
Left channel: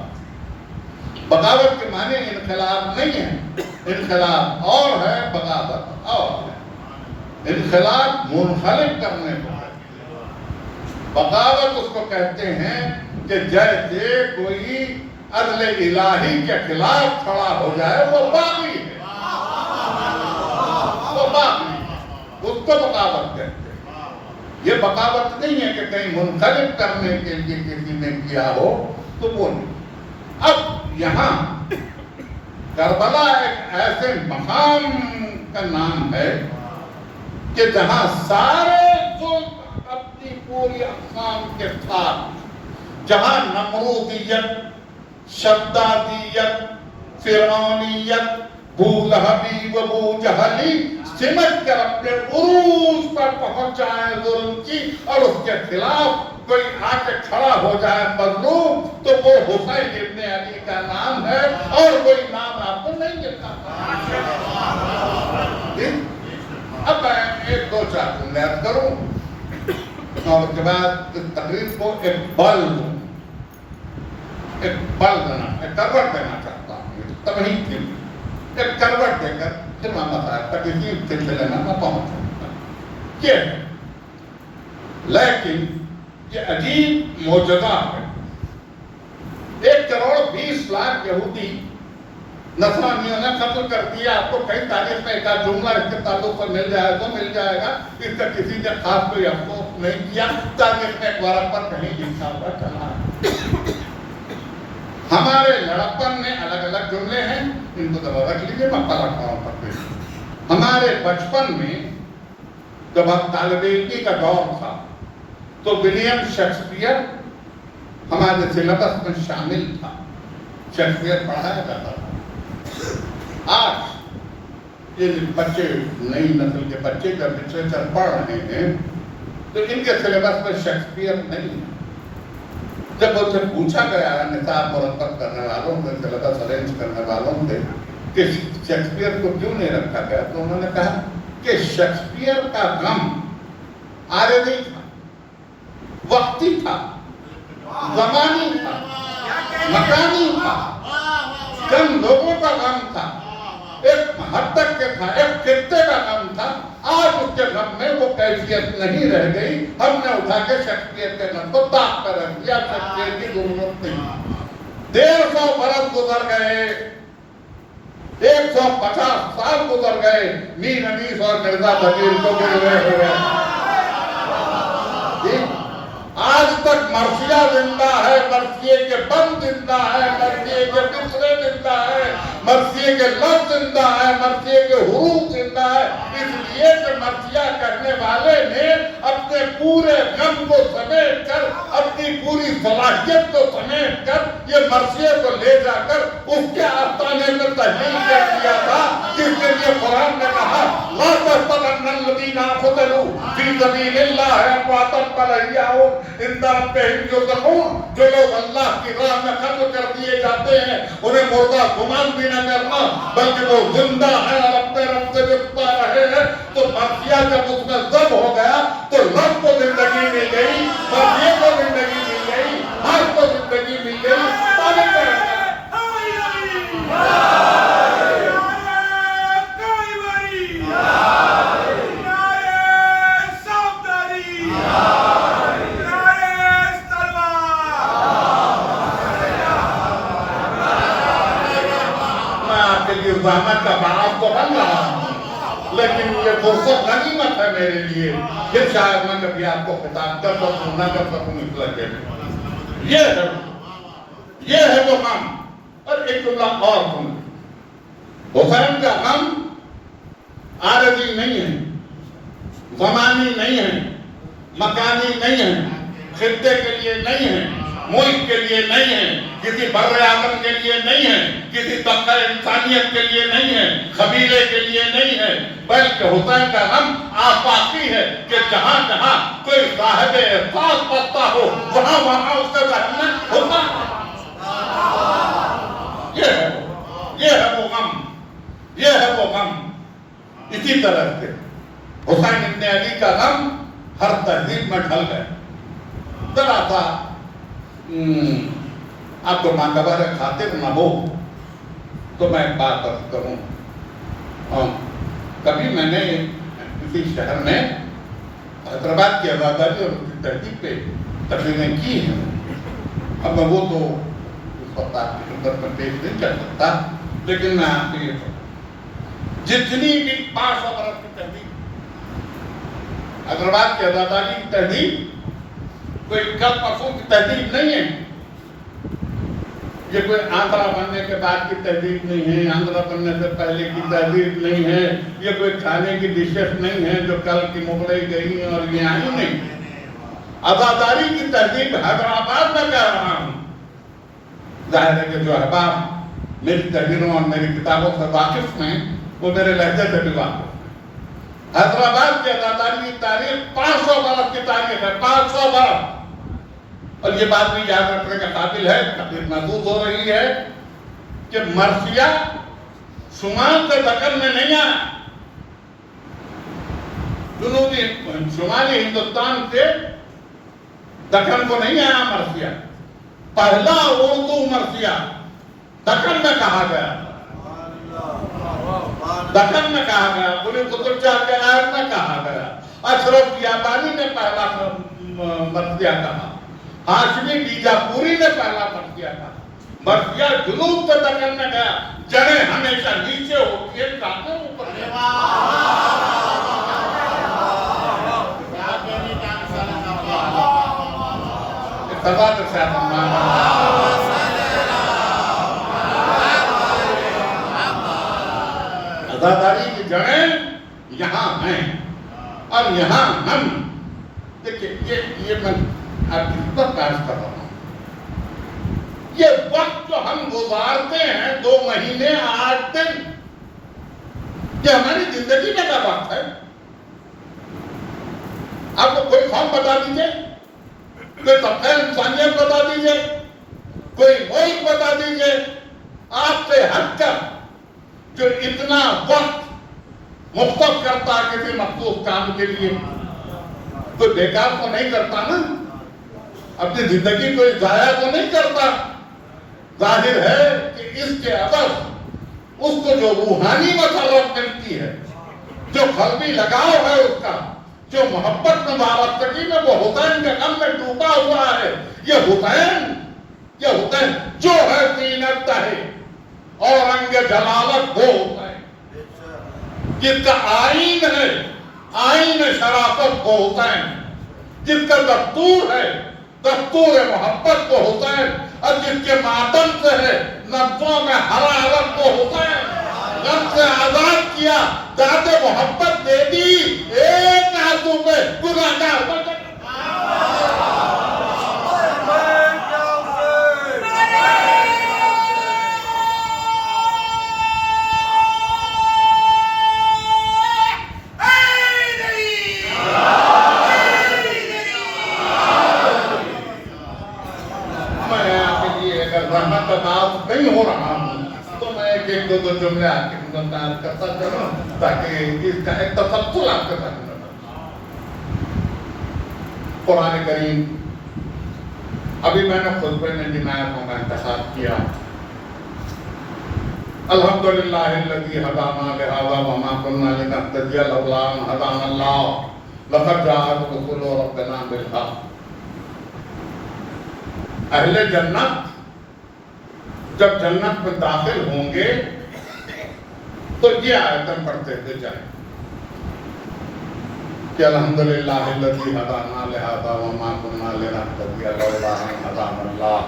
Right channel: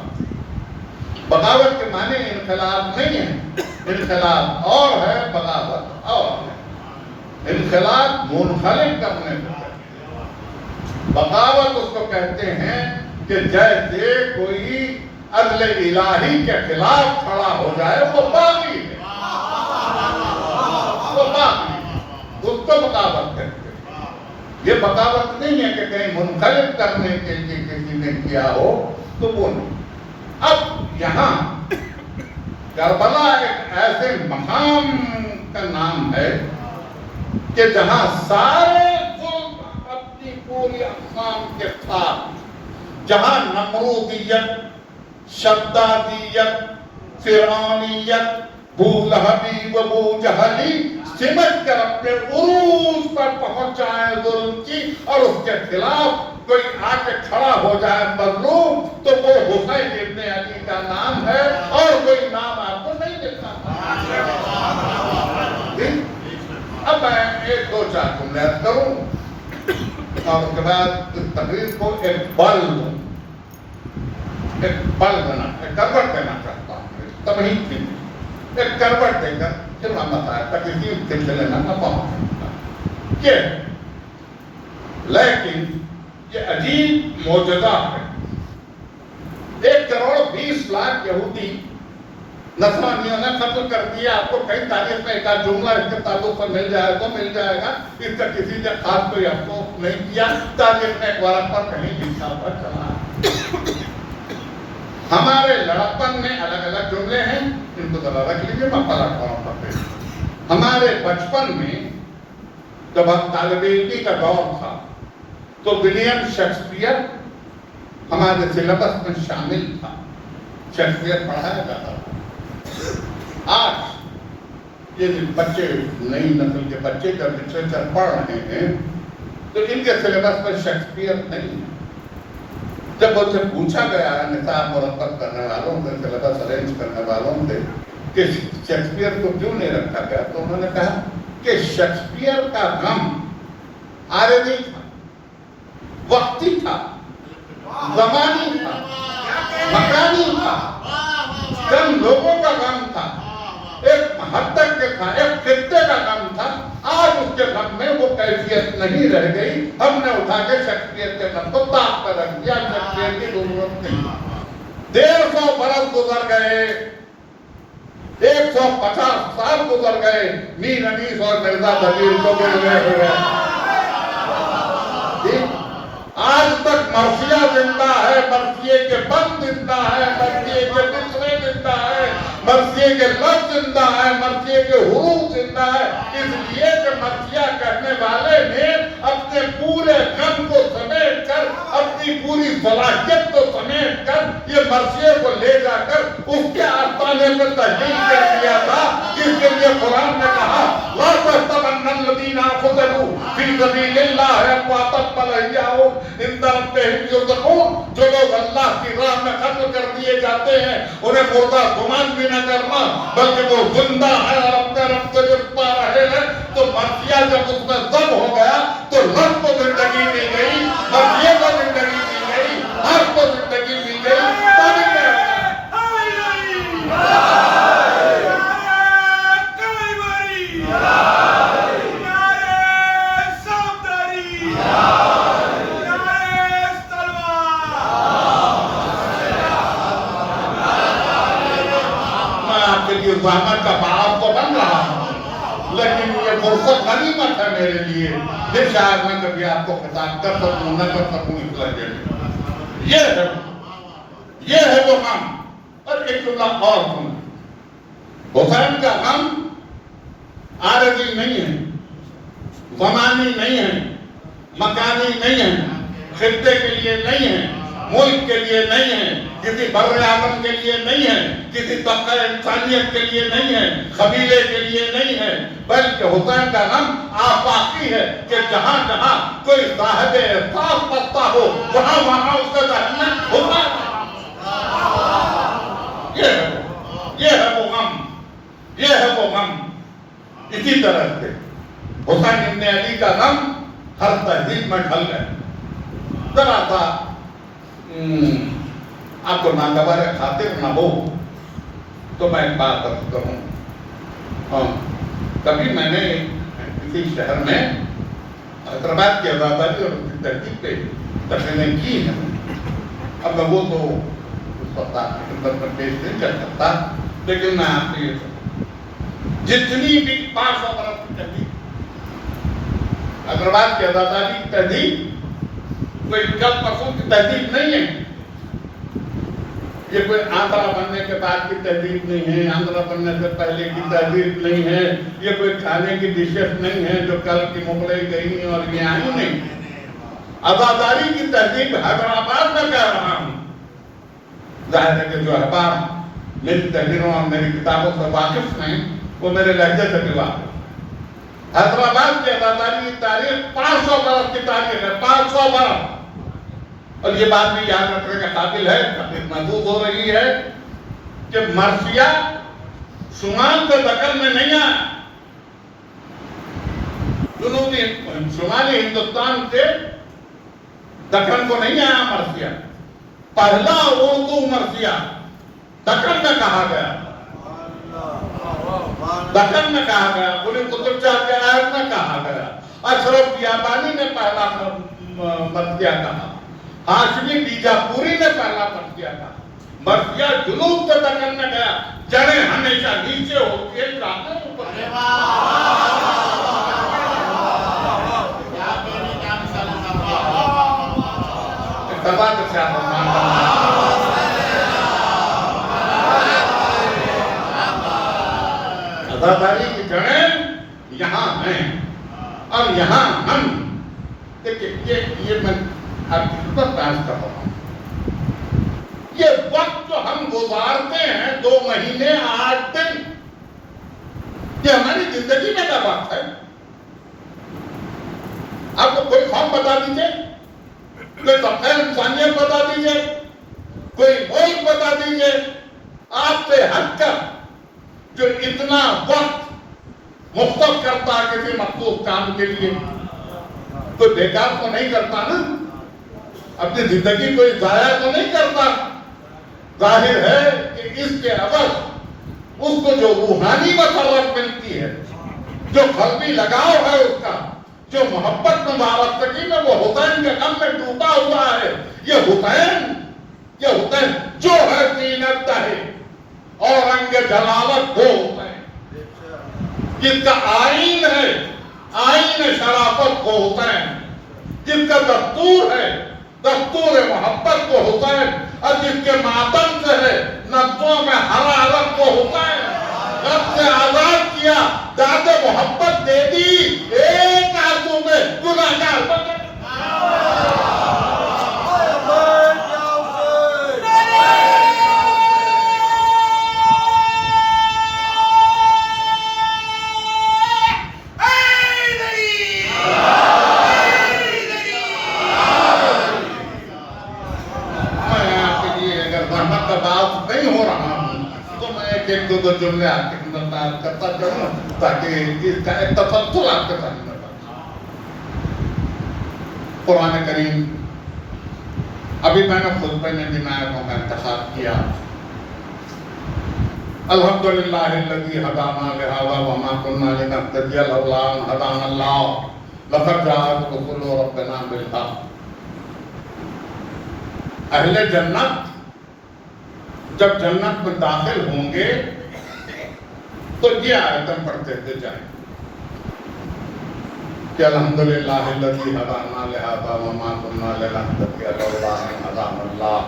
بغاوت کے معنی انقلاب نہیں ہے. انقلاب اور ہے، بغاوت اور ہے. انقلاب منخرط کرنے کو، بغاوت اس کو کہتے ہیں کہ جیسے کوئی عدل الہی کے خلاف کھڑا ہو جائے وہ باغی ہے، وہ باغی ہے، اس کو بغاوت کہتے ہیں۔ یہ بغاوت نہیں ہے کہ کہیں منقلب کرنے کے لیے کسی نے کیا ہو، تو وہ نہیں۔ اب یہاں کربلا ایک ایسے مقام کا نام ہے کہ جہاں سارے ظلم اپنی پوری اقسام کے ساتھ، جہاں نمرودیت، شدادیت، فرعونیت، بولہبی و بوجہلی سمجھ کر اپنے عروج پر پہنچ جائیں ظلم کی، اور اس کے خلاف کوئی آ کے کھڑا ہو جائے مظلوم، تو وہ حسین ابن علی کا نام ہے، اور کوئی نام آپ کو نہیں ملتا۔ اب میں ایک دو چار جملے کروں اور اس کے بعد اس تقریر کو ایک بل دینا، ایک کروٹ دینا چاہتا ہوں، تمہید کے لیے ایک کروٹ دے کر پھر میں بتایا تک اسی سلسلے میں پہنچ یہ ہے۔ لیکن یہ عجیب معجزہ ہے۔ 1,20,00,000 یہودی نصرانیوں نے قتل کر دیا۔ آپ کو کئی تاریخ میں ایک جملہ اس کے تعلق سے مل جائے تو مل جائے گا، اس کا کسی نے خاص کوئی افسوس نہیں کیا، تاریخ میں ایک ورق پر کہیں لکھا ہوا چلا۔ ہمارے لڑکپن میں الگ الگ جملے ہیں، ان کو ذرا رکھ لیجیے، میں پلٹ رہا ہوں پتے۔ ہمارے بچپن میں جب ہم طالب علمی کا دور تھا تو ولیم شیکسپیئر ہمارے سلیبس میں شامل تھا، شیکسپیئر پڑھایا جاتا تھا۔ آج یہ بچے، نئی نسل کے بچے جب لٹریچر پڑھ رہے ہیں تو ان کے سلیبس میں شیکسپیئر نہیں ہے۔ جب ان سے پوچھا گیا نصاب مرتب کرنے والوں سے، سلیبس ارینج کرنے والوں سے کہ شیکسپیئر کو کیوں نہیں رکھا گیا، تو انہوں نے کہا کہ شیکسپیئر کا غم عارضی تھا، وقتی تھا، زمانی تھا، مکانی تھا، چند لوگوں کا غم تھا، ایک حد تک کے تھا، ایک خطے کا غم تھا۔ آج اس کے غم میں وہ کیفیت نہیں رہ گئی، ہم نے اٹھا کے شیکسپیئر کے غم کو داغ پر رکھ دیا، شیکسپیئر کی ضرورت نہیں۔ 150 برس گزر گئے، 150 سال گزر گئے، میر انیس اور مرزا بشیر کو گزرے ہوئے۔ آج تک مرثیہ زندہ ہے، مرثیے کے بند زندہ ہے، مرثیے کے مصرے زندہ ہے، مرثیے کے لفظ زندہ ہے، مرثیے کے حروف زندہ ہے، اس لیے کہ مرثیہ کہنے والے نے اپنے پورے غم کو سمیٹ کر، اپنی پوری صلاحیت کو سمیٹ کر، یہ مرثیے کو لے جا کر اس کے آستانے میں تحلیل کر دیا تھا، جس کے لیے قرآن نے کہا لا تحسبن الذین قتلوا فی سبیل اللہ امواتا بل احیاء عند ربہم یرزقون۔ جو لوگ اللہ کی راہ میں قتل کر دیے جاتے ہیں انہیں مردہ گمان بھی نہ کرنا، بلکہ وہ زندہ ہے اور اپنے رب سے رزق پا رہے ہیں۔ تو مرثیہ جب اس میں ضم ہو گیا تو رب کو زندگی مل گئی، مرثیے کو زندگی مل گئی، ہر کو زندگی مل گئی۔ زحمت کا باعث تو بن رہا ہوں، لیکن یہ فرصت غنیمت ہے میرے لیے، پھر شاید میں کبھی آپ کو خطاب کر سکوں نہ کر سکوں اس لگے۔ یہ ہے وہ غم۔ اور ایک جملہ اور سنیں، حسین کا غم عارضی نہیں ہے، زمانی نہیں ہے، مکانی نہیں ہے، خطے کے لیے نہیں ہے، ملک کے لیے نہیں ہے، کسی بر اعظم کے لیے نہیں ہے، کسی طبقہ انسانیت کے لیے نہیں ہے، قبیلے کے لیے نہیں ہے، بلکہ حسین کا غم آفاقی ہے کہ جہاں جہاں کوئی صاحب احساس بستا ہو وہاں وہاں اس کا ذہن میں ہوتا ہے۔ یہ ہے وہ غم، یہ ہے وہ غم۔ اسی طرح سے حسین ابن علی کا غم ہر تہذیب میں ڈھل گیا۔ ذرا سا آپ کو ناگوار خاطر نہ ہو تو میں ایک بات کرتا ہوں۔ کبھی میں نے کسی شہر میں حیدرآباد کی آزاداری اور اس کی تحقیق پہ تقریریں کی ہیں. اب میں وہ تو اس وقت آپ کی خدمت میں پیش نہیں کر سکتا، لیکن میں آپ کو یہ جتنی بھی 500 برس کی تحریک، حیدرآباد کی آزاداری کی تحریک کوئی کل پرسوں کی تحریک نہیں ہے. یہ کوئی آندھرا بننے کے بعد کی تحریک نہیں ہے، آندھرا بننے سے پہلے کی تحریک نہیں ہے، یہ کوئی کھانے کی ڈشز نہیں ہے جو کل کی مغلئی گئی ہیں اور یہ آئی نہیں. آزاداری کی تحریک حیدرآباد میں کہہ رہا ہوں. ظاہر ہے کہ جو احباب میری تحریروں اور میری کتابوں سے واقف ہیں وہ میرے لہجے سے بھی واقف. حیدرآباد کی آزاداری کی تاریخ 500 برس کی تاریخ ہے، 500 برس. اور یہ بات بھی یاد رکھنے کا قابل ہے، محسوس ہو رہی ہے کہ مرثیہ شمال سے دکن میں نہیں آیا. شمالی ہندوستان سے دکن کو نہیں آیا مرثیہ. پہلا اردو مرثیہ دکن میں کہا گیا، دکن میں کہا گیا، قلی قطب شاہ کے آیت میں کہا گیا، اشرف بیابانی نے پہلا مرثیہ کہا، ہاشمی بیجاپوری نے پہلا مرثیہ کہا. مرثیہ جنوب سے دکن میں گیا. جڑیں ہمیشہ نیچے ہوتی ہے، کہاں اوپر آزاداری کی جڑیں یہاں ہیں اور یہاں ہم. دیکھیں یہ میں آپ کی خدمت پیش کر رہا ہوں. یہ وقت جو ہم گزارتے ہیں 2 مہینے 8 دن، یہ ہماری زندگی میں کا وقت ہے. آپ کو کوئی خواب بتا دیجئے، کوئی طبقہ انسانیت بتا دیجئے، کوئی ملک بتا دیجئے آپ سے ہٹ کر جو اتنا وقت مختص کرتا ہے کسی مخصوص کام کے لیے. کوئی بیکار تو نہیں کرتا نا، اپنی زندگی کوئی ضائع تو نہیں کرتا. ظاہر ہے کہ اس کے عوض اس کو جو روحانی مسرت ملتی ہے، جو قلبی لگاؤ ہے اس کا، جو محبت میں وابستگی میں وہ حسین کے غم میں ڈوبا ہوا ہے. یہ حسین جو ہے زینت ہے اور رنگ جلالت وہ حسین جس کا آئین ہے، آئین شرافت وہ حسین جس کا دستور ہے، دستور محبت وہ حسین، اور جس کے ماتم سے ہے نبضوں میں حرارت وہ حسین. رب سے آزاد کیا، داد محبت دے دی، ایک آنسو میں گناہگار نہیں ہو رہا ہوں تو میں ایک دو جملے آپ کی خدمت میں عرض کرتا چلوں تاکہ اس کا ایک تسلسل آپ کے ساتھ میں قرآن کریم. ابھی میں نے خطبے میں جن آیتوں کا انتخاب کیا، الحمدللہ الذی ہدانا لہذا وما کنا لنہتدی لولا ان ہدانا اللہ لقد جاءت رسل ربنا بالحق. اہل جنت جب جنت میں داخل ہوں گے تو یہ آیتیں پڑھتے ہوئے جائیں کہ الحمدللہ الذی ہدانا لہذا وما کنا لنہتدی لولا ان ہدانا اللہ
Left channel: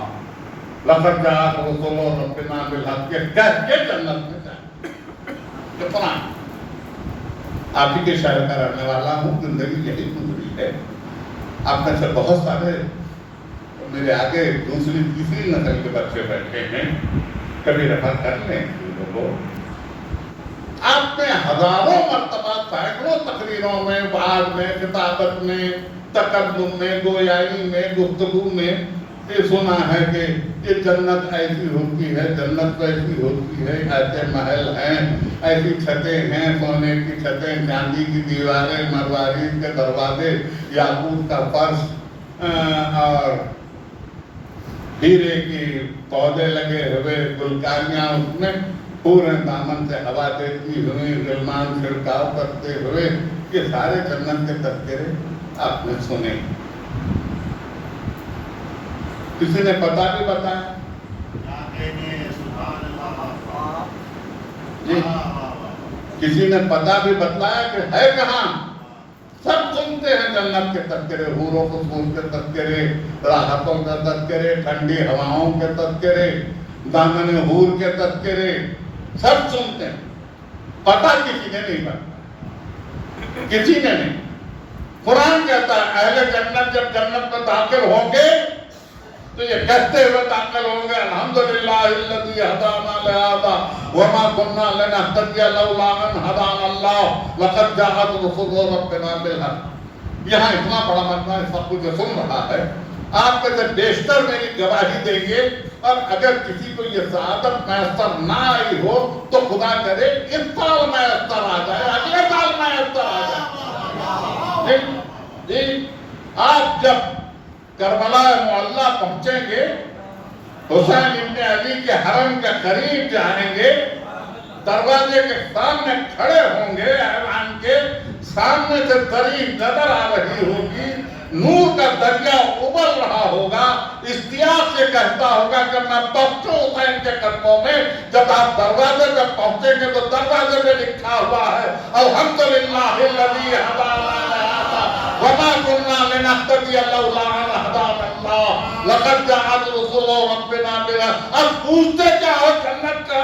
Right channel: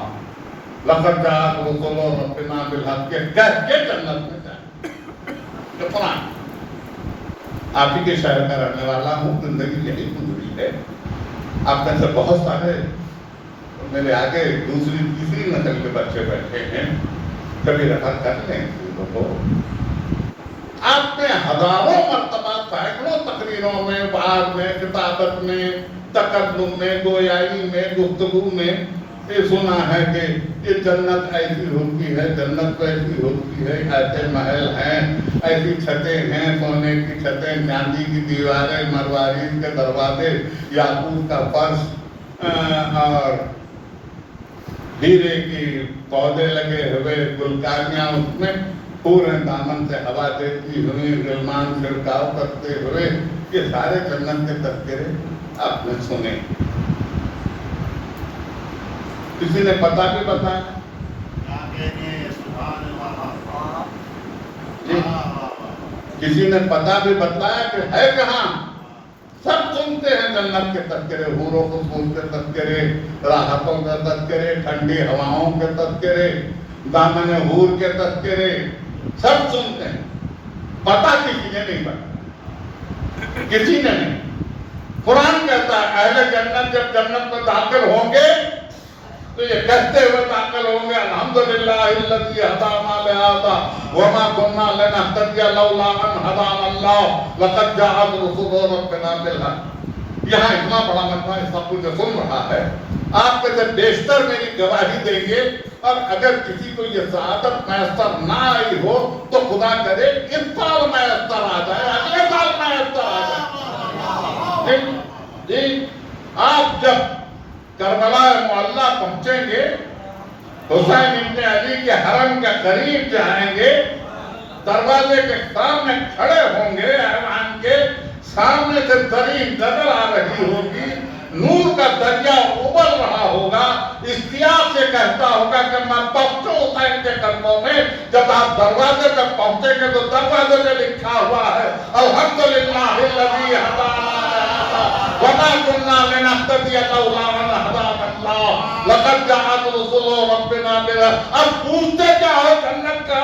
لقد جاءت رسل ربنا بالحق. کہہ کے جنت میں جائیں. یہ قرآن. آپ ہی کے شہر میں رہنے والا ہوں، زندگی یہی گزری ہے. آپ میں سے بہت سارے میرے آگے دوسری تیسری نسل کے بچے بیٹھے ہیں، کبھی رفت کر لیں چیزوں کو. آپ نے ہزاروں مرتبہ سینکڑوں تقریروں میں، وعظ میں، کتابت میں، تکلم میں، گویائی میں، گفتگو میں یہ سنا ہے کہ یہ جنت ایسی ہوتی ہے، جنت ایسی ہوتی ہے، ایسے محل ہیں، ایسی چھتیں ہیں، سونے کی چھتیں، چاندی کی دیواریں، مروارید کے دروازے، یاقوت کا فرش اور ہیرے کی پودے لگے ہوئے، گلکاریاں اس میں پورے دامن سے ہوا دیتی ہوئے، غلمان چھڑکاؤ کرتے ہوئے. یہ سارے جنت کے تذکرے. آپ نے سنے. کسی نے پتہ بھی بتایا جی, کسی نے پتہ بھی بتایا کہ ہے کہاں. سب سنتے ہیں جنت کے تذکرے, حور و قصور کے تذکرے, راحتوں کے تذکرے, ٹھنڈی ہواؤں کے تذکرے, دامن حور کے تذکرے, سب سنتے ہیں. پتہ کسی نے نہیں بتایا, کسی نے نہیں. قرآن کہتا ہے اہل جنت جب جنت میں داخل ہوں گے تو یہ کہتے ہوئے داخل ہوں گے الحمدللہ الذی ہدانا لہذا وما كنا لنهتدی لولا ان ہدانا اللہ لقد جاءت رسل ربنا بالحق. یہاں اتنا بڑا مجمع سب کچھ سن رہا ہے, آپ کے جب بیشتر میری گواہی دیں گے, اور اگر کسی کو یہ سعادت میسر نہ آئی ہو تو خدا کرے اس سال میسر آ جائے, اگلے سال میسر آ جائے. جی, آپ جب کربلا معلیٰ پہنچیں گے, حسین ابن علی کے حرم کے قریب جائیں گے, دروازے کے سامنے کھڑے ہوں گے, ایوان کے سامنے سے دریں نظر آ رہی ہوگی, نور کا دریا ابل رہا ہوگا, اشتیاق سے کہتا ہوگا کہ میں پہنچوں حسین کے قدموں میں. جب آپ دروازے تک پہنچیں گے تو دروازے پہ لکھا ہوا ہے الحمدللہ الذی ہدانا وما كنا لنهتدي لولا ان هدانا الله لقد جاءت رسل ربنا بالحق. اب پوچھتے کیا ہو جنت کا,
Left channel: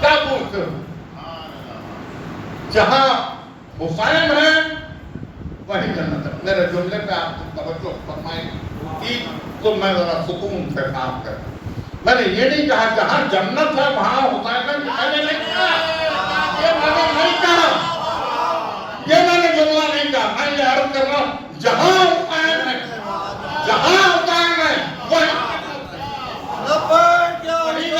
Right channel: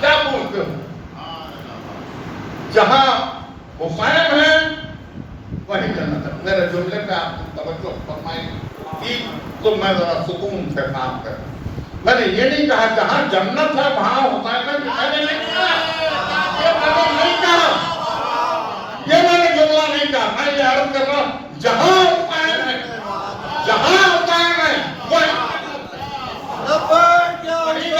کیا پوچھتے ہو؟ جہاں حسین ہے وہیں جنت ہے. میرے جملے پہ آپ کو توجہ فرمائیں تو میں ذرا سکون سے کام کروں. میں نے یہ نہیں کہا جہاں جنت ہے وہاں حسین ہے, میں نے نہیں کہا, یہ میں نے نہیں کہا, یہ میں نے جملہ نہیں کہا. میں یہ عرض کر رہا ہوں جہاں حسین ہے, جہاں حسین ہے وہیں لبیک یا حسین,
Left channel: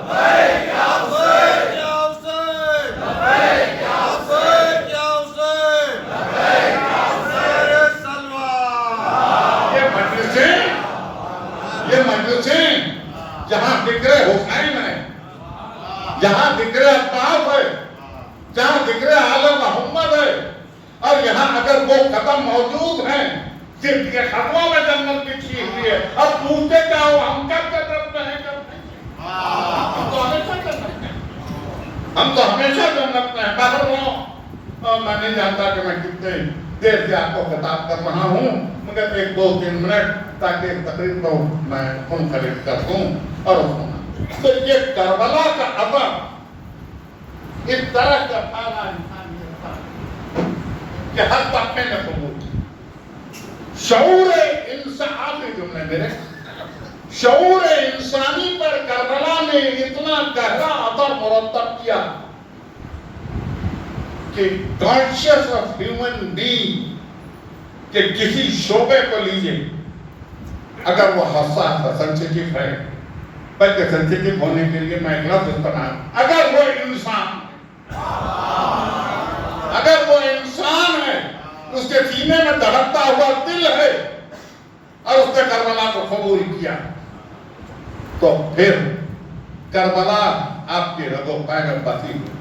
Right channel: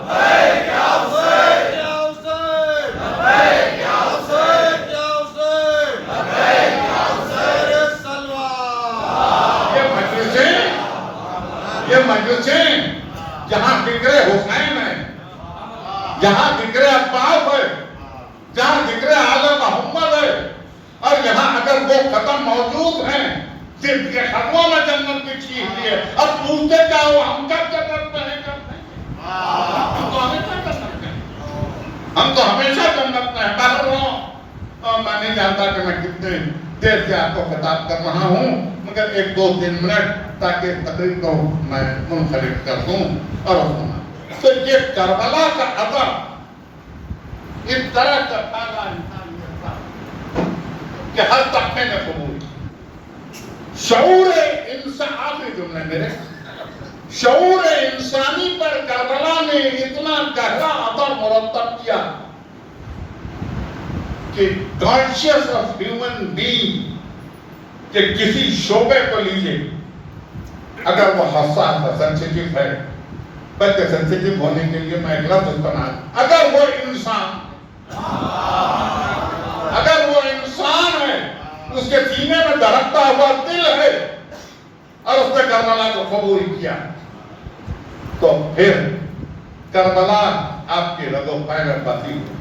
لبیک یا حسین, یا حسین, لبیک یا حسین, یا حسین, لبیک یا حسین سلوان. یہ مجلسیں جہاں ذکر حسین ہے, جہاں ذکر عباس ہے, جہاں ذکر آل محمد ہے, اور یہاں اگر وہ قدم موجود ہیں صرف کے خطوں میں جنت بچھی ہوئی ہے. اب پوچھتے کیا ہو, ہم کب جنت میں ہیں, کب نہیں؟ ہم تو ہمیشہ جنت میں ہیں, ہم تو ہمیشہ جنت میں ہیں. باہر ہوں, میں نہیں جانتا کہ میں کتنے دیر سے آپ کو خطاب کر رہا ہوں, مگر 1-2-3 منٹ تاکہ تقریر کو میں منفرد کر دوں. اور تو یہ کربلا کا اثر اس طرح کا پھیلا انسانیت کا کہ ہر طبقے نے قبول کیا. شعور انسانی جملے میرے, شعور انسانی پر کربلا نے اتنا گہرا اثر مرتب کیا کہ کانشیس آف ہیومن بینگ کہ کسی شعبے کو لیجئے, اگر وہ حساس ہے, سینسیٹیو ہے, بلکہ سینسیٹیو ہونے کے لیے میں ایک لفظ استعمال, اگر وہ انسان ہے, اس کے سینے میں دھڑکتا ہوا دل ہے, اور اس نے کربلا کو قبول کیا, تو پھر کربلا آپ کی رگ و پے میں بسی ہوئی.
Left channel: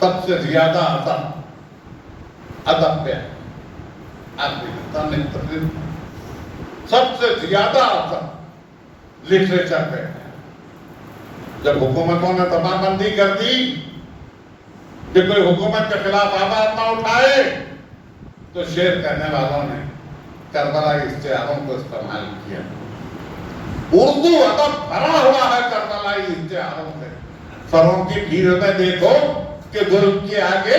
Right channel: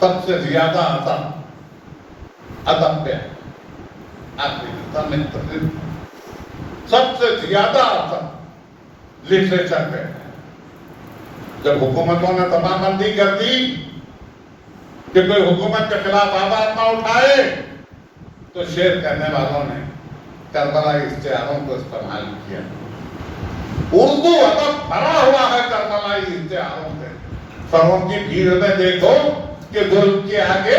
سب سے زیادہ اثر ادب پہ ہے, آپ کی ہندوستان میں تقریر, سب سے زیادہ اثر لٹریچر پہ. جب حکومتوں نے دبا بندی کر دی کہ کوئی حکومت کے خلاف آواز نہ اٹھائے, تو شعر کرنے والوں نے کربلائی اشتہاروں کو استعمال کیا. اردو ادب بھرا ہوا ہے کربلائی اشتہاروں سے. سروں کی بھیڑ میں دیکھو کہ ظلم کے آگے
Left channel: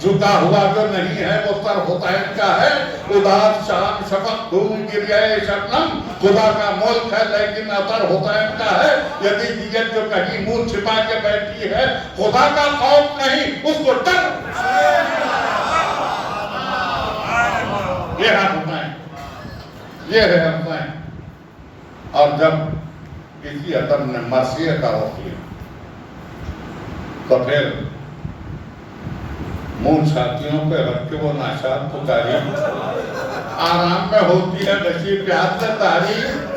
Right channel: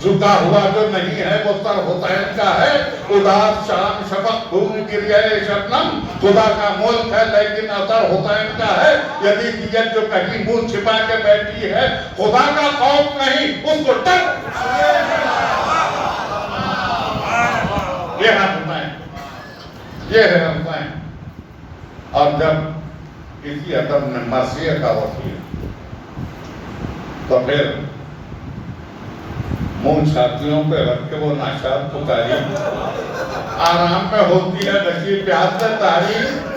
جھکا ہوا جو نہیں ہے وہ سر حسین کا ہے. اداس شام شفق گھوم گریہ شبنم, خدا کا ملک ہے لیکن اثر حسین کا ہے. یزیدیت جو کہیں منہ چھپا کے بیٹھی ہے, خدا کا خوف نہیں, اس کو ڈر. یہ ہے حسین, یہ ہے حسین. اور جب کسی ادب نے مرثیہ کا رخ لیا تو پھر منہ چھاتیوں پہ رکھ کے وہ ناشاد پکاری, آرام میں ہوتی ہے نشیب پیاس سے تاریخ,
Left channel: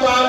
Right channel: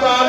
7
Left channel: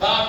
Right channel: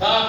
7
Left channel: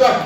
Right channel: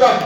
10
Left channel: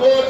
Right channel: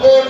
2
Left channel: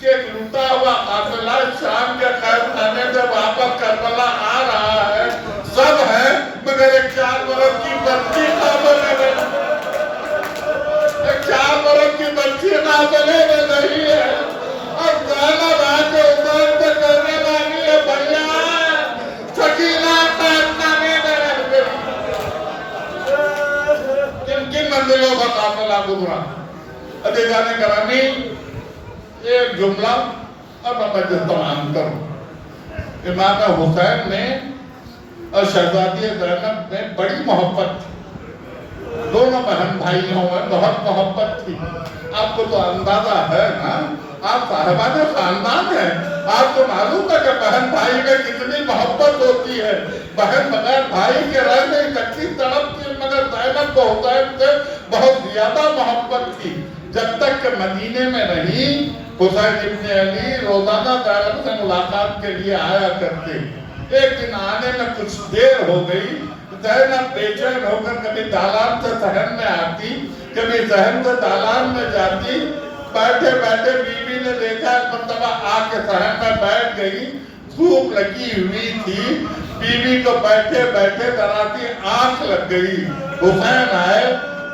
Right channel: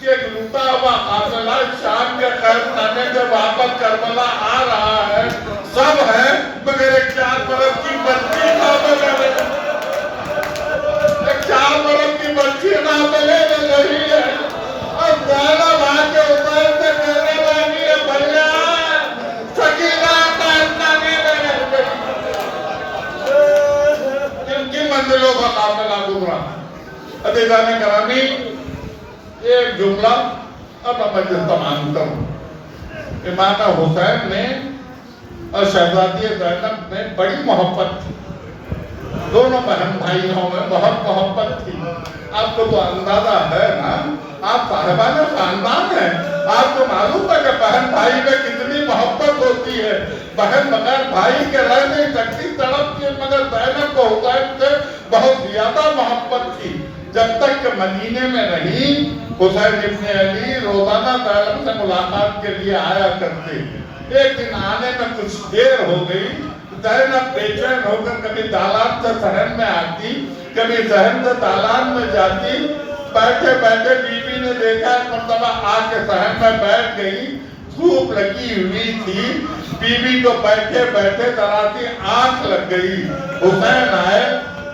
کہ ایک لوٹا ہوا قافلہ شام کے قید خانے سے واپس کربلا آ رہا ہے، سب ہے مگر ایک 4 برس کی بچی قابل ہے، ایک 4 برس کی بچی قابل نہیں ہے، اور زینب آ کے اوپر سے کہنے لگی ہے بھیا سکینہ کا اتنا نہیں لگے کن منزلوں کا قافلہ گزرا۔ عزیزان گرامی، ایک جملہ اب میں تمام کروں۔ امام حسین نے اور شہزادی زینب میں بڑی محبت تھی، دونوں بہن بھائیوں میں بہت محبت تھی۔ آپ کو تو اندازہ ہے نا، آپ صاحبان خاندان ہیں، آپ کو معلوم ہے کہ بہن بھائی میں کتنی محبت ہوتی ہے۔ بہن بغیر بھائی کے رہ نہیں سکتی، تڑپتی ہے، مگر زینب کو حسین سے بہت زیادہ محبت تھی۔ جب تک کہ مدینے میں رہی، حسین ابن علی روزانہ زینب سے ملاقات کے لیے آیا کرتے۔ ایک دن آنے میں کچھ دیر ہو گئی، زینب بے چین ہو کر کبھی دالان سے صحن میں آتی، کبھی صحن سے دالان میں جاتی۔ بیٹھے بیٹھے بی بی نے دیکھا، ایک مرتبہ آ کے صحن میں بیٹھ گئی، دھوپ لگی ہوئی تھی، بی بی کو بیٹھے بیٹھے ذرا سی آنکھ لگ گئی۔ حسین آئے،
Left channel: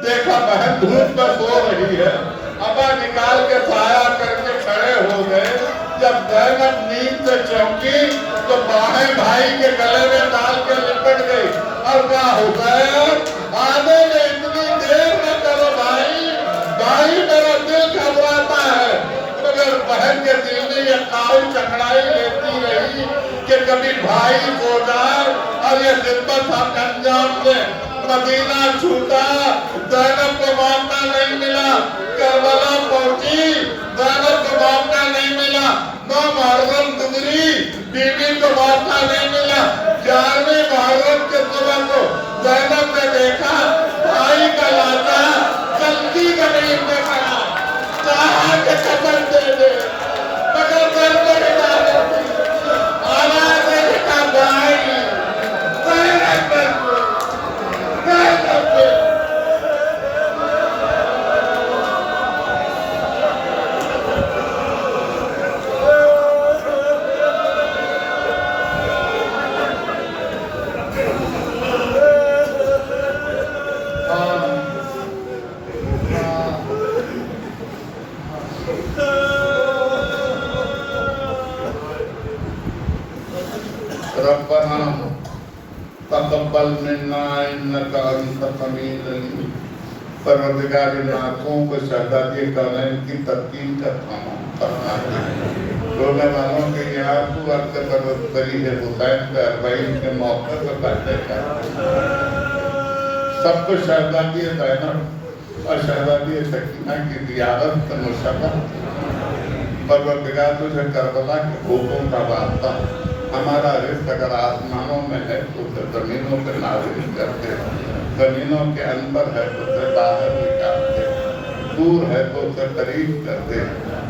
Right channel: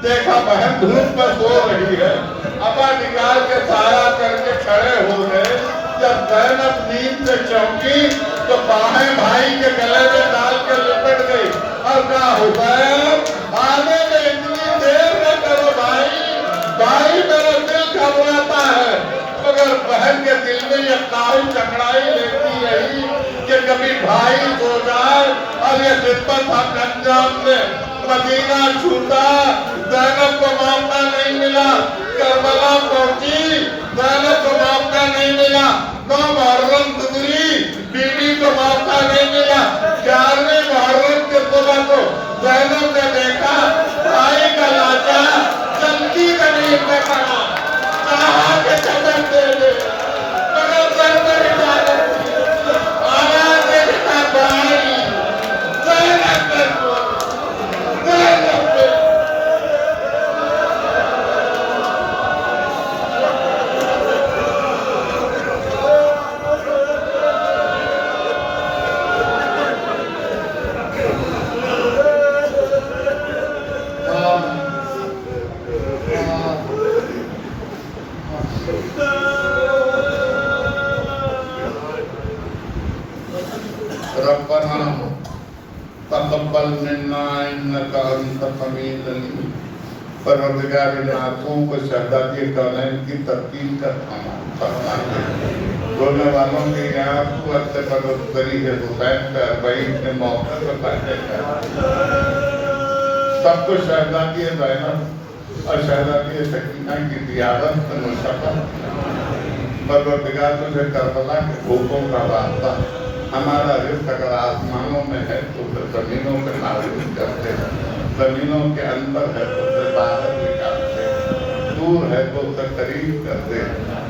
دیکھا بہن دھوپ میں سو رہی ہے، ابا نکال کے سایہ کر کے کھڑے ہو گئے۔ جب زینب نیند سے چونکی تو باہیں بھائی کے گلے میں ڈال کے لپٹ گئی اور کہا حسین آنے میں اتنی دیر نہ کرو بھائی، بھائی میرا دل گھبراتا ہے۔ مگر بہن کے دل میں یہ قائل چکڑائی لیتی رہی کہ کبھی بھائی سو جائے اور یہ خدمت انجام دے۔ مدینہ چھوٹا، زینب کو موقع نہیں ملا، کربلا پہنچی، زینب کو موقع نہیں ملا، 9 محرم گزری، بی بی کو موقع نہیں ملا۔ 11ویں محرم کے صبح کو زینب نے دیکھا بھائی کا لاچا جلدی زمین میں پڑا، چاہا کہ کفن دے دے، مگر گھر پر عبادت تھی، آنا دیکھا بھائی زینب پر ربنا تقبل منا انك انت السميع العليم۔ پروردگار ان آنکھوں کو شہزادی کونین کی ترکیب کا فرما دے۔ رونے والوں کے لیے آنسو عرصے پر بری ہے حسین پہ 40 کے موقع پہ بیٹھے ہیں۔ سب کو شہزادی زینب اور شہزادی سکینہ کی زیارت سے مشرف۔ پروردگار تجھے کربلا کے بھوکوں کا واسطہ، ہمارا رزق اگر آسمانوں میں ہے تو پھر زمینوں پہ نازل کرتے، زمینوں کے اندر ہے تو پھر باہر نکالتے، دور ہے تو اسے قریب کرتے،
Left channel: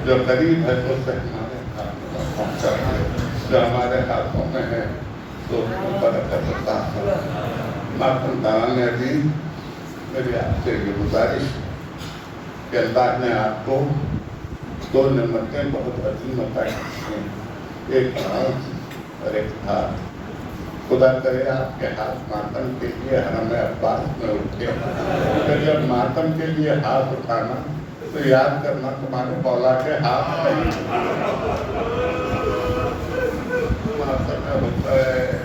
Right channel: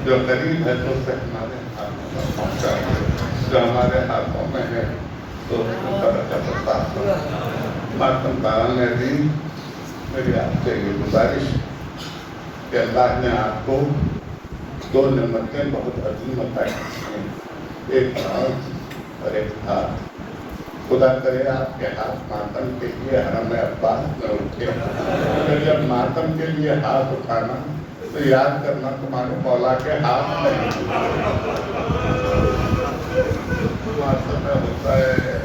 جو قریب ہے تو اسے ہمارے ہاتھ میں پہنچاتے، جو ہمارے ہاتھوں میں ہے تو اس میں برکت عطا فرما۔ ماتم داران عزیز، میری آپ سے یہ گزارش ہے کہ اللہ نے آپ کو 2 نعمتیں بہت عظیم عطا کی ہیں، ایک آنکھ اور ایک ہاتھ۔ خدا کرے آپ کے ہاتھ ماتم کے لیے حرم عباس میں اٹھے، پھر جب ماتم کے لیے ہاتھ اٹھانا تو یاد کرنا تمہارے مولا کے ہاتھ میں ماتم میں ہوتا ہے۔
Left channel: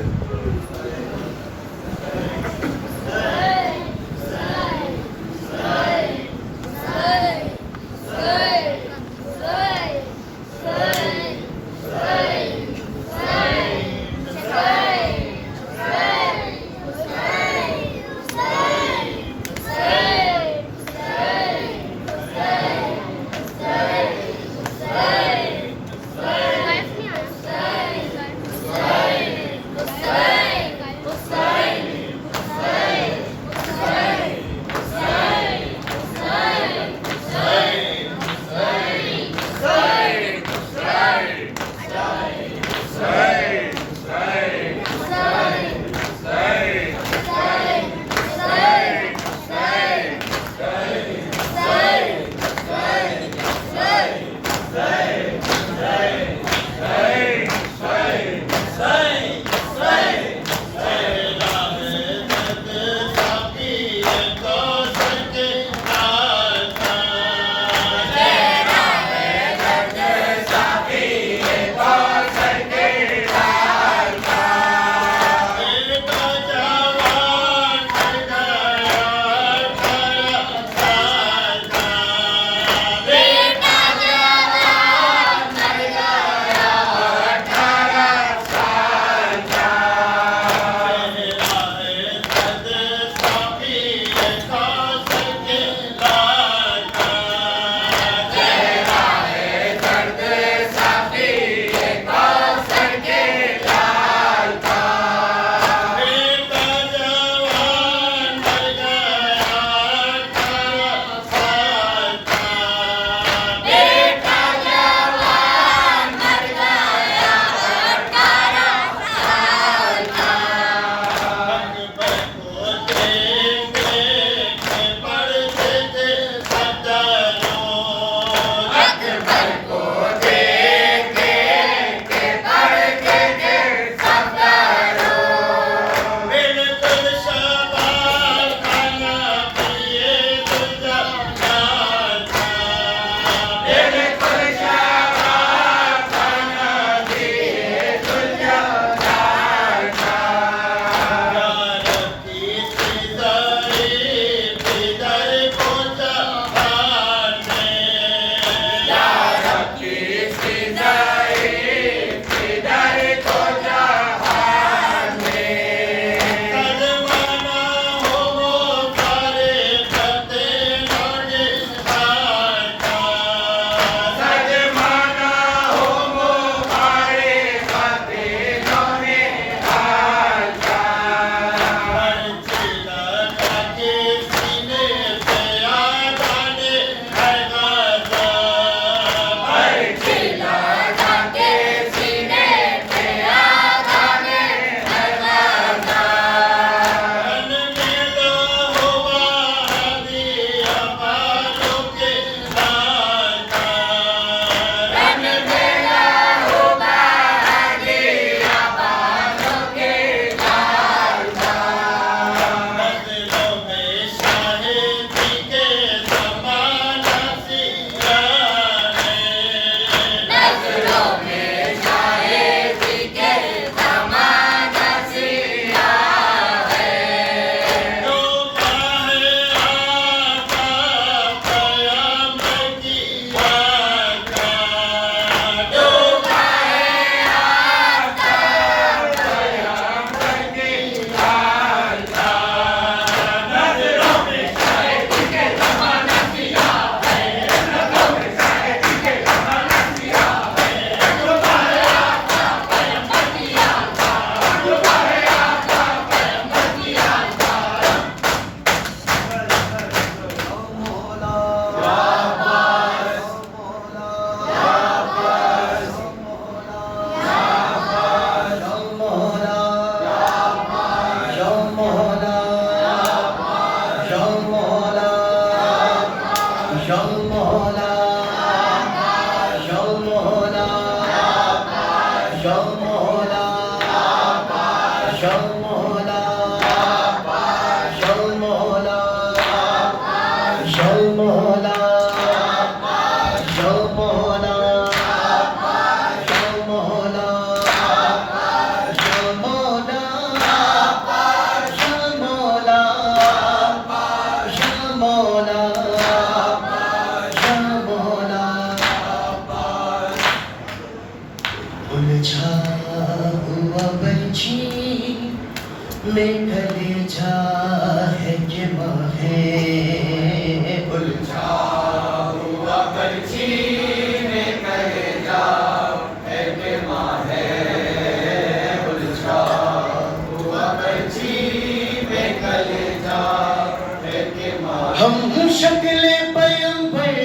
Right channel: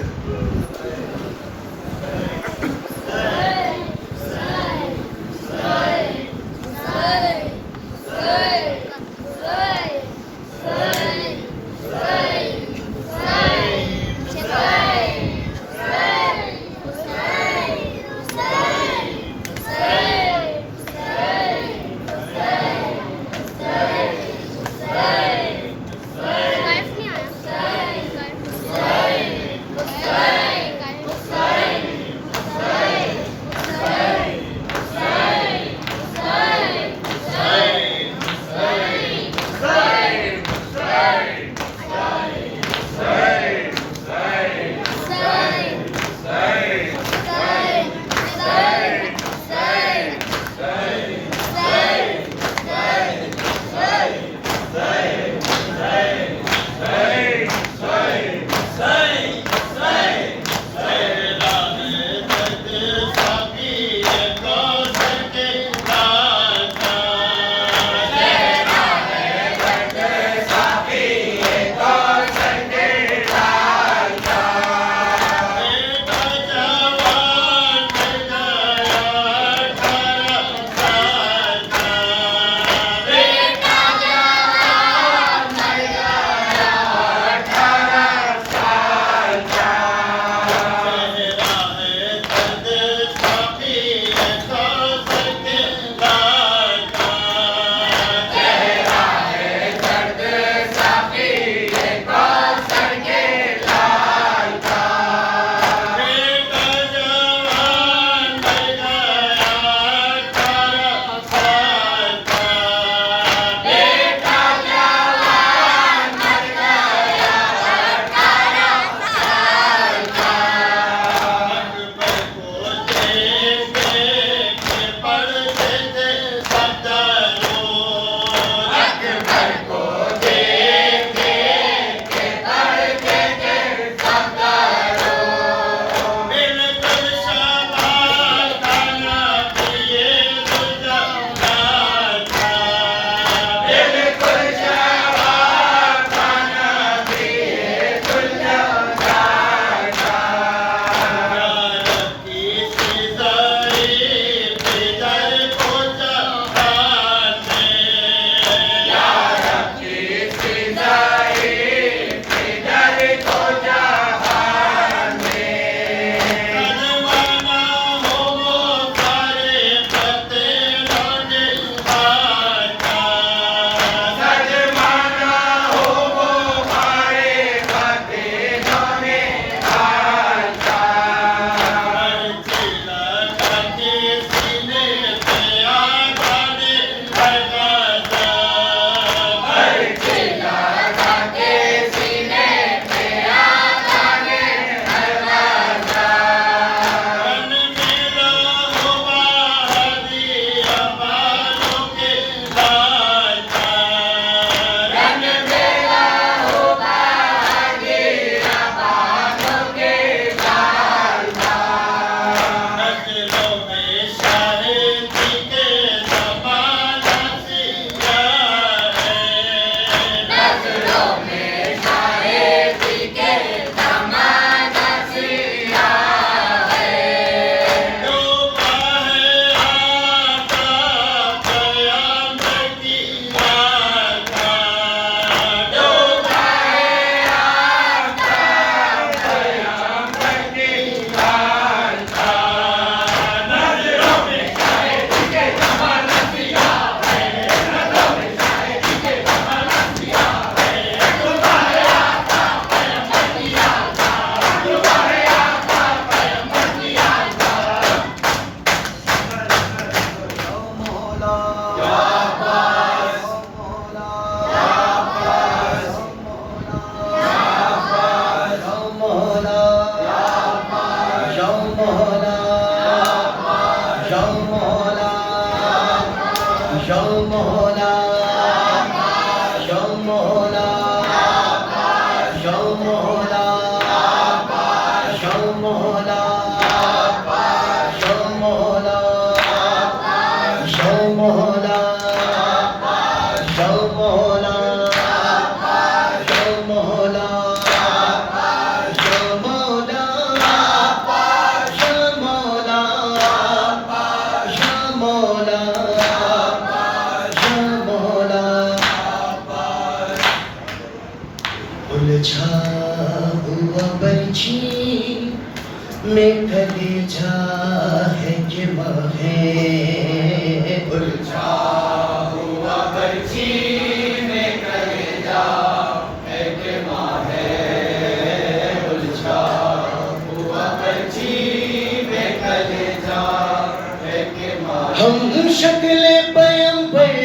ہم شکل پیغمبر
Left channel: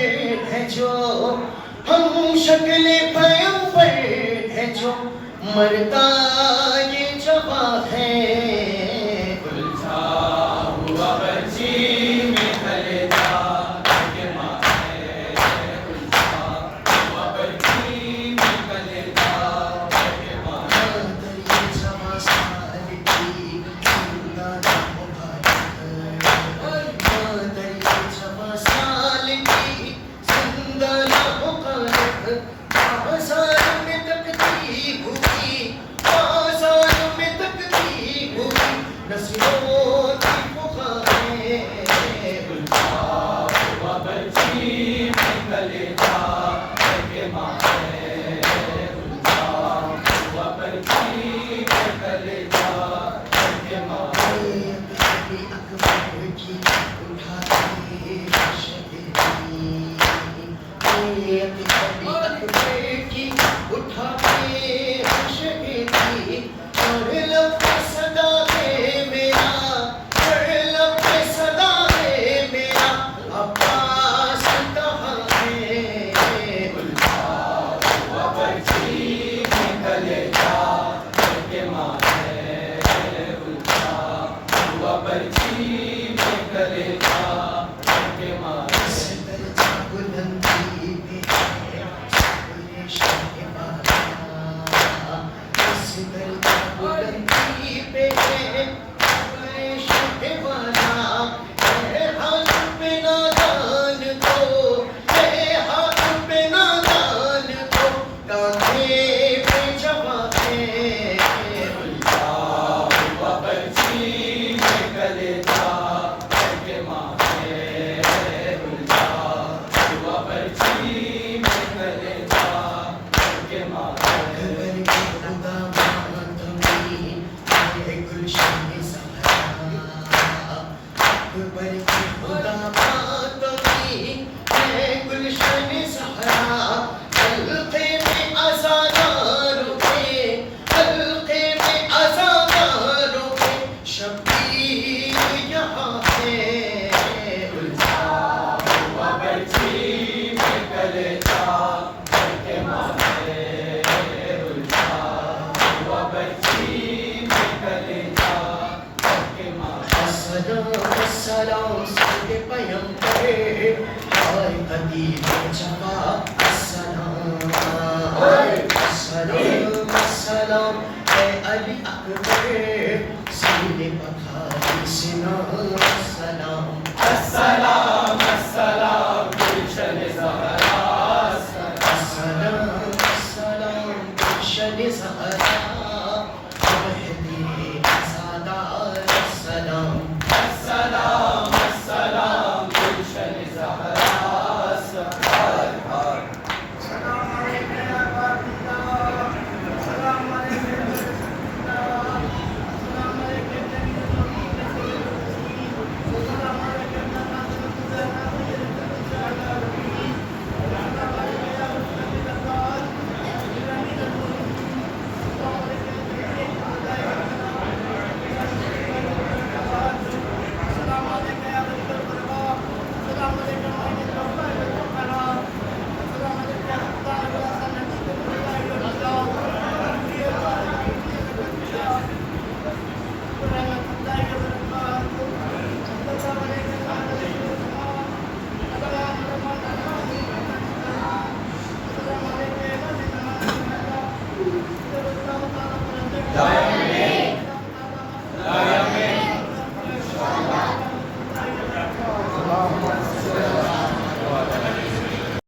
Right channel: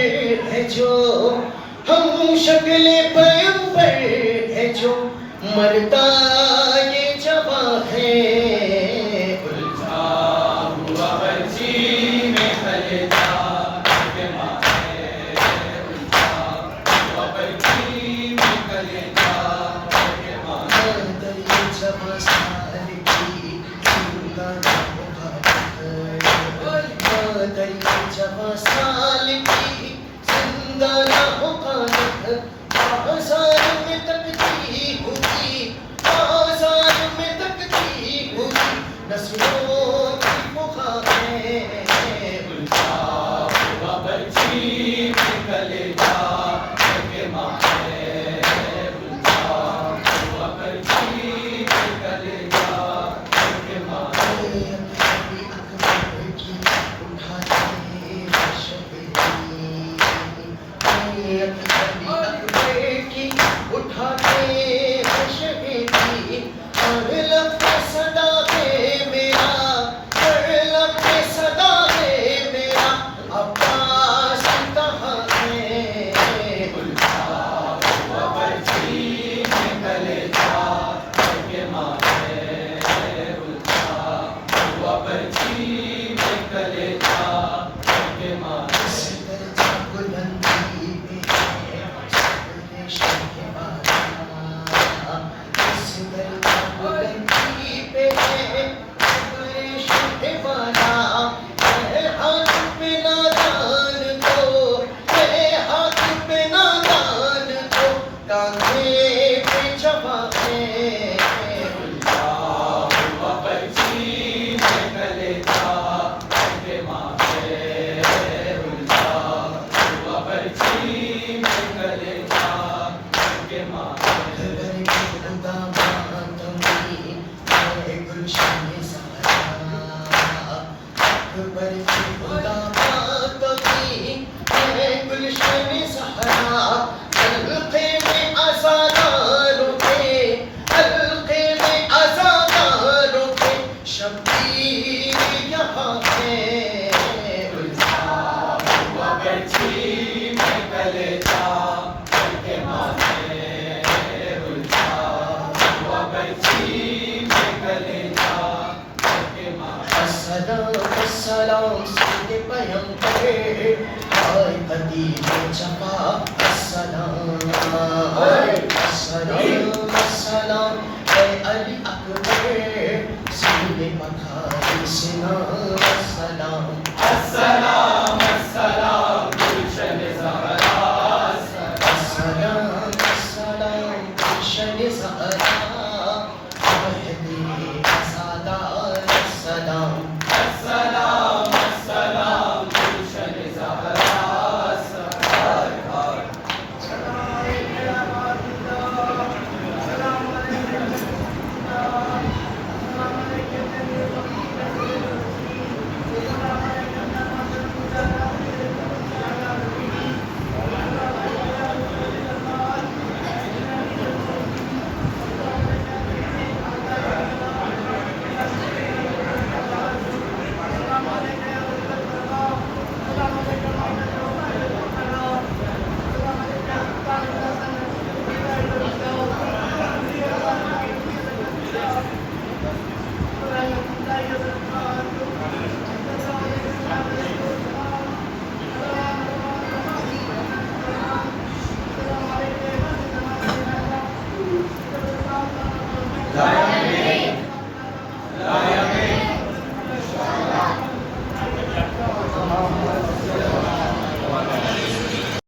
ہے جو، ہم شکل پیغمبر ہے جو، مرتا یہ جواں ہے، الجھا ہوا برچی میں کلیدار کے ماں ہے، الجھا ہوا برچی میں کلیدار کے ماں ہے، دریا جواں سال کی زندگی دریا جواں سال کی زندگی مخالف، آزار میں تکتی ہوگی، آزار میں تکتی ہوگی، نسلوں کی پکاریں، الجھا ہوا برچی میں کلیدار کے ماں ہے، الجھا ہوا برچی میں کلیدار کے ماں ہے، کبھی اکبر کی اٹھاتے شہری، کبھی اکبر کی اٹھاتے شہری، اور لب پہ صدا ہے میرا، اور لب پہ صدا ہے میرا، عباس کہاں ہے، الجھا ہوا برچی میں کلیدار کے ماں ہے، الجھا ہوا برچی میں کلیدار کے ماں ہے، بلندی پہ ہے سورہ شہبازاں، اس درجہ بلندی پہ ہے سورہ شہبازاں، ہے ہاتھ پہ نادان تو، ہے ہاتھ پہ نادان تو، کاندھے پہ جواں ہے، الجھا ہوا برچی میں کلیدار کے ماں ہے، الجھا ہوا برچی میں کلیدار کے ماں ہے، اکبر کی خدا ماتمی ہے گلشن زہرا، اکبر کی خدا ماتمی ہے گلشن زہرا، حلقے میں عزاداروں کے، حلقے میں عزاداروں کے، شبیر یہاں ہے، الجھا ہوا برچی میں کلیدار کے ماں ہے، الجھا ہوا برچی میں کلیدار کے ماں ہے، السلام السلام سید پیغمبر، آئے ادیب جفا، السلام السلام السلام اے علی اکبر، سینے پکھاری سنا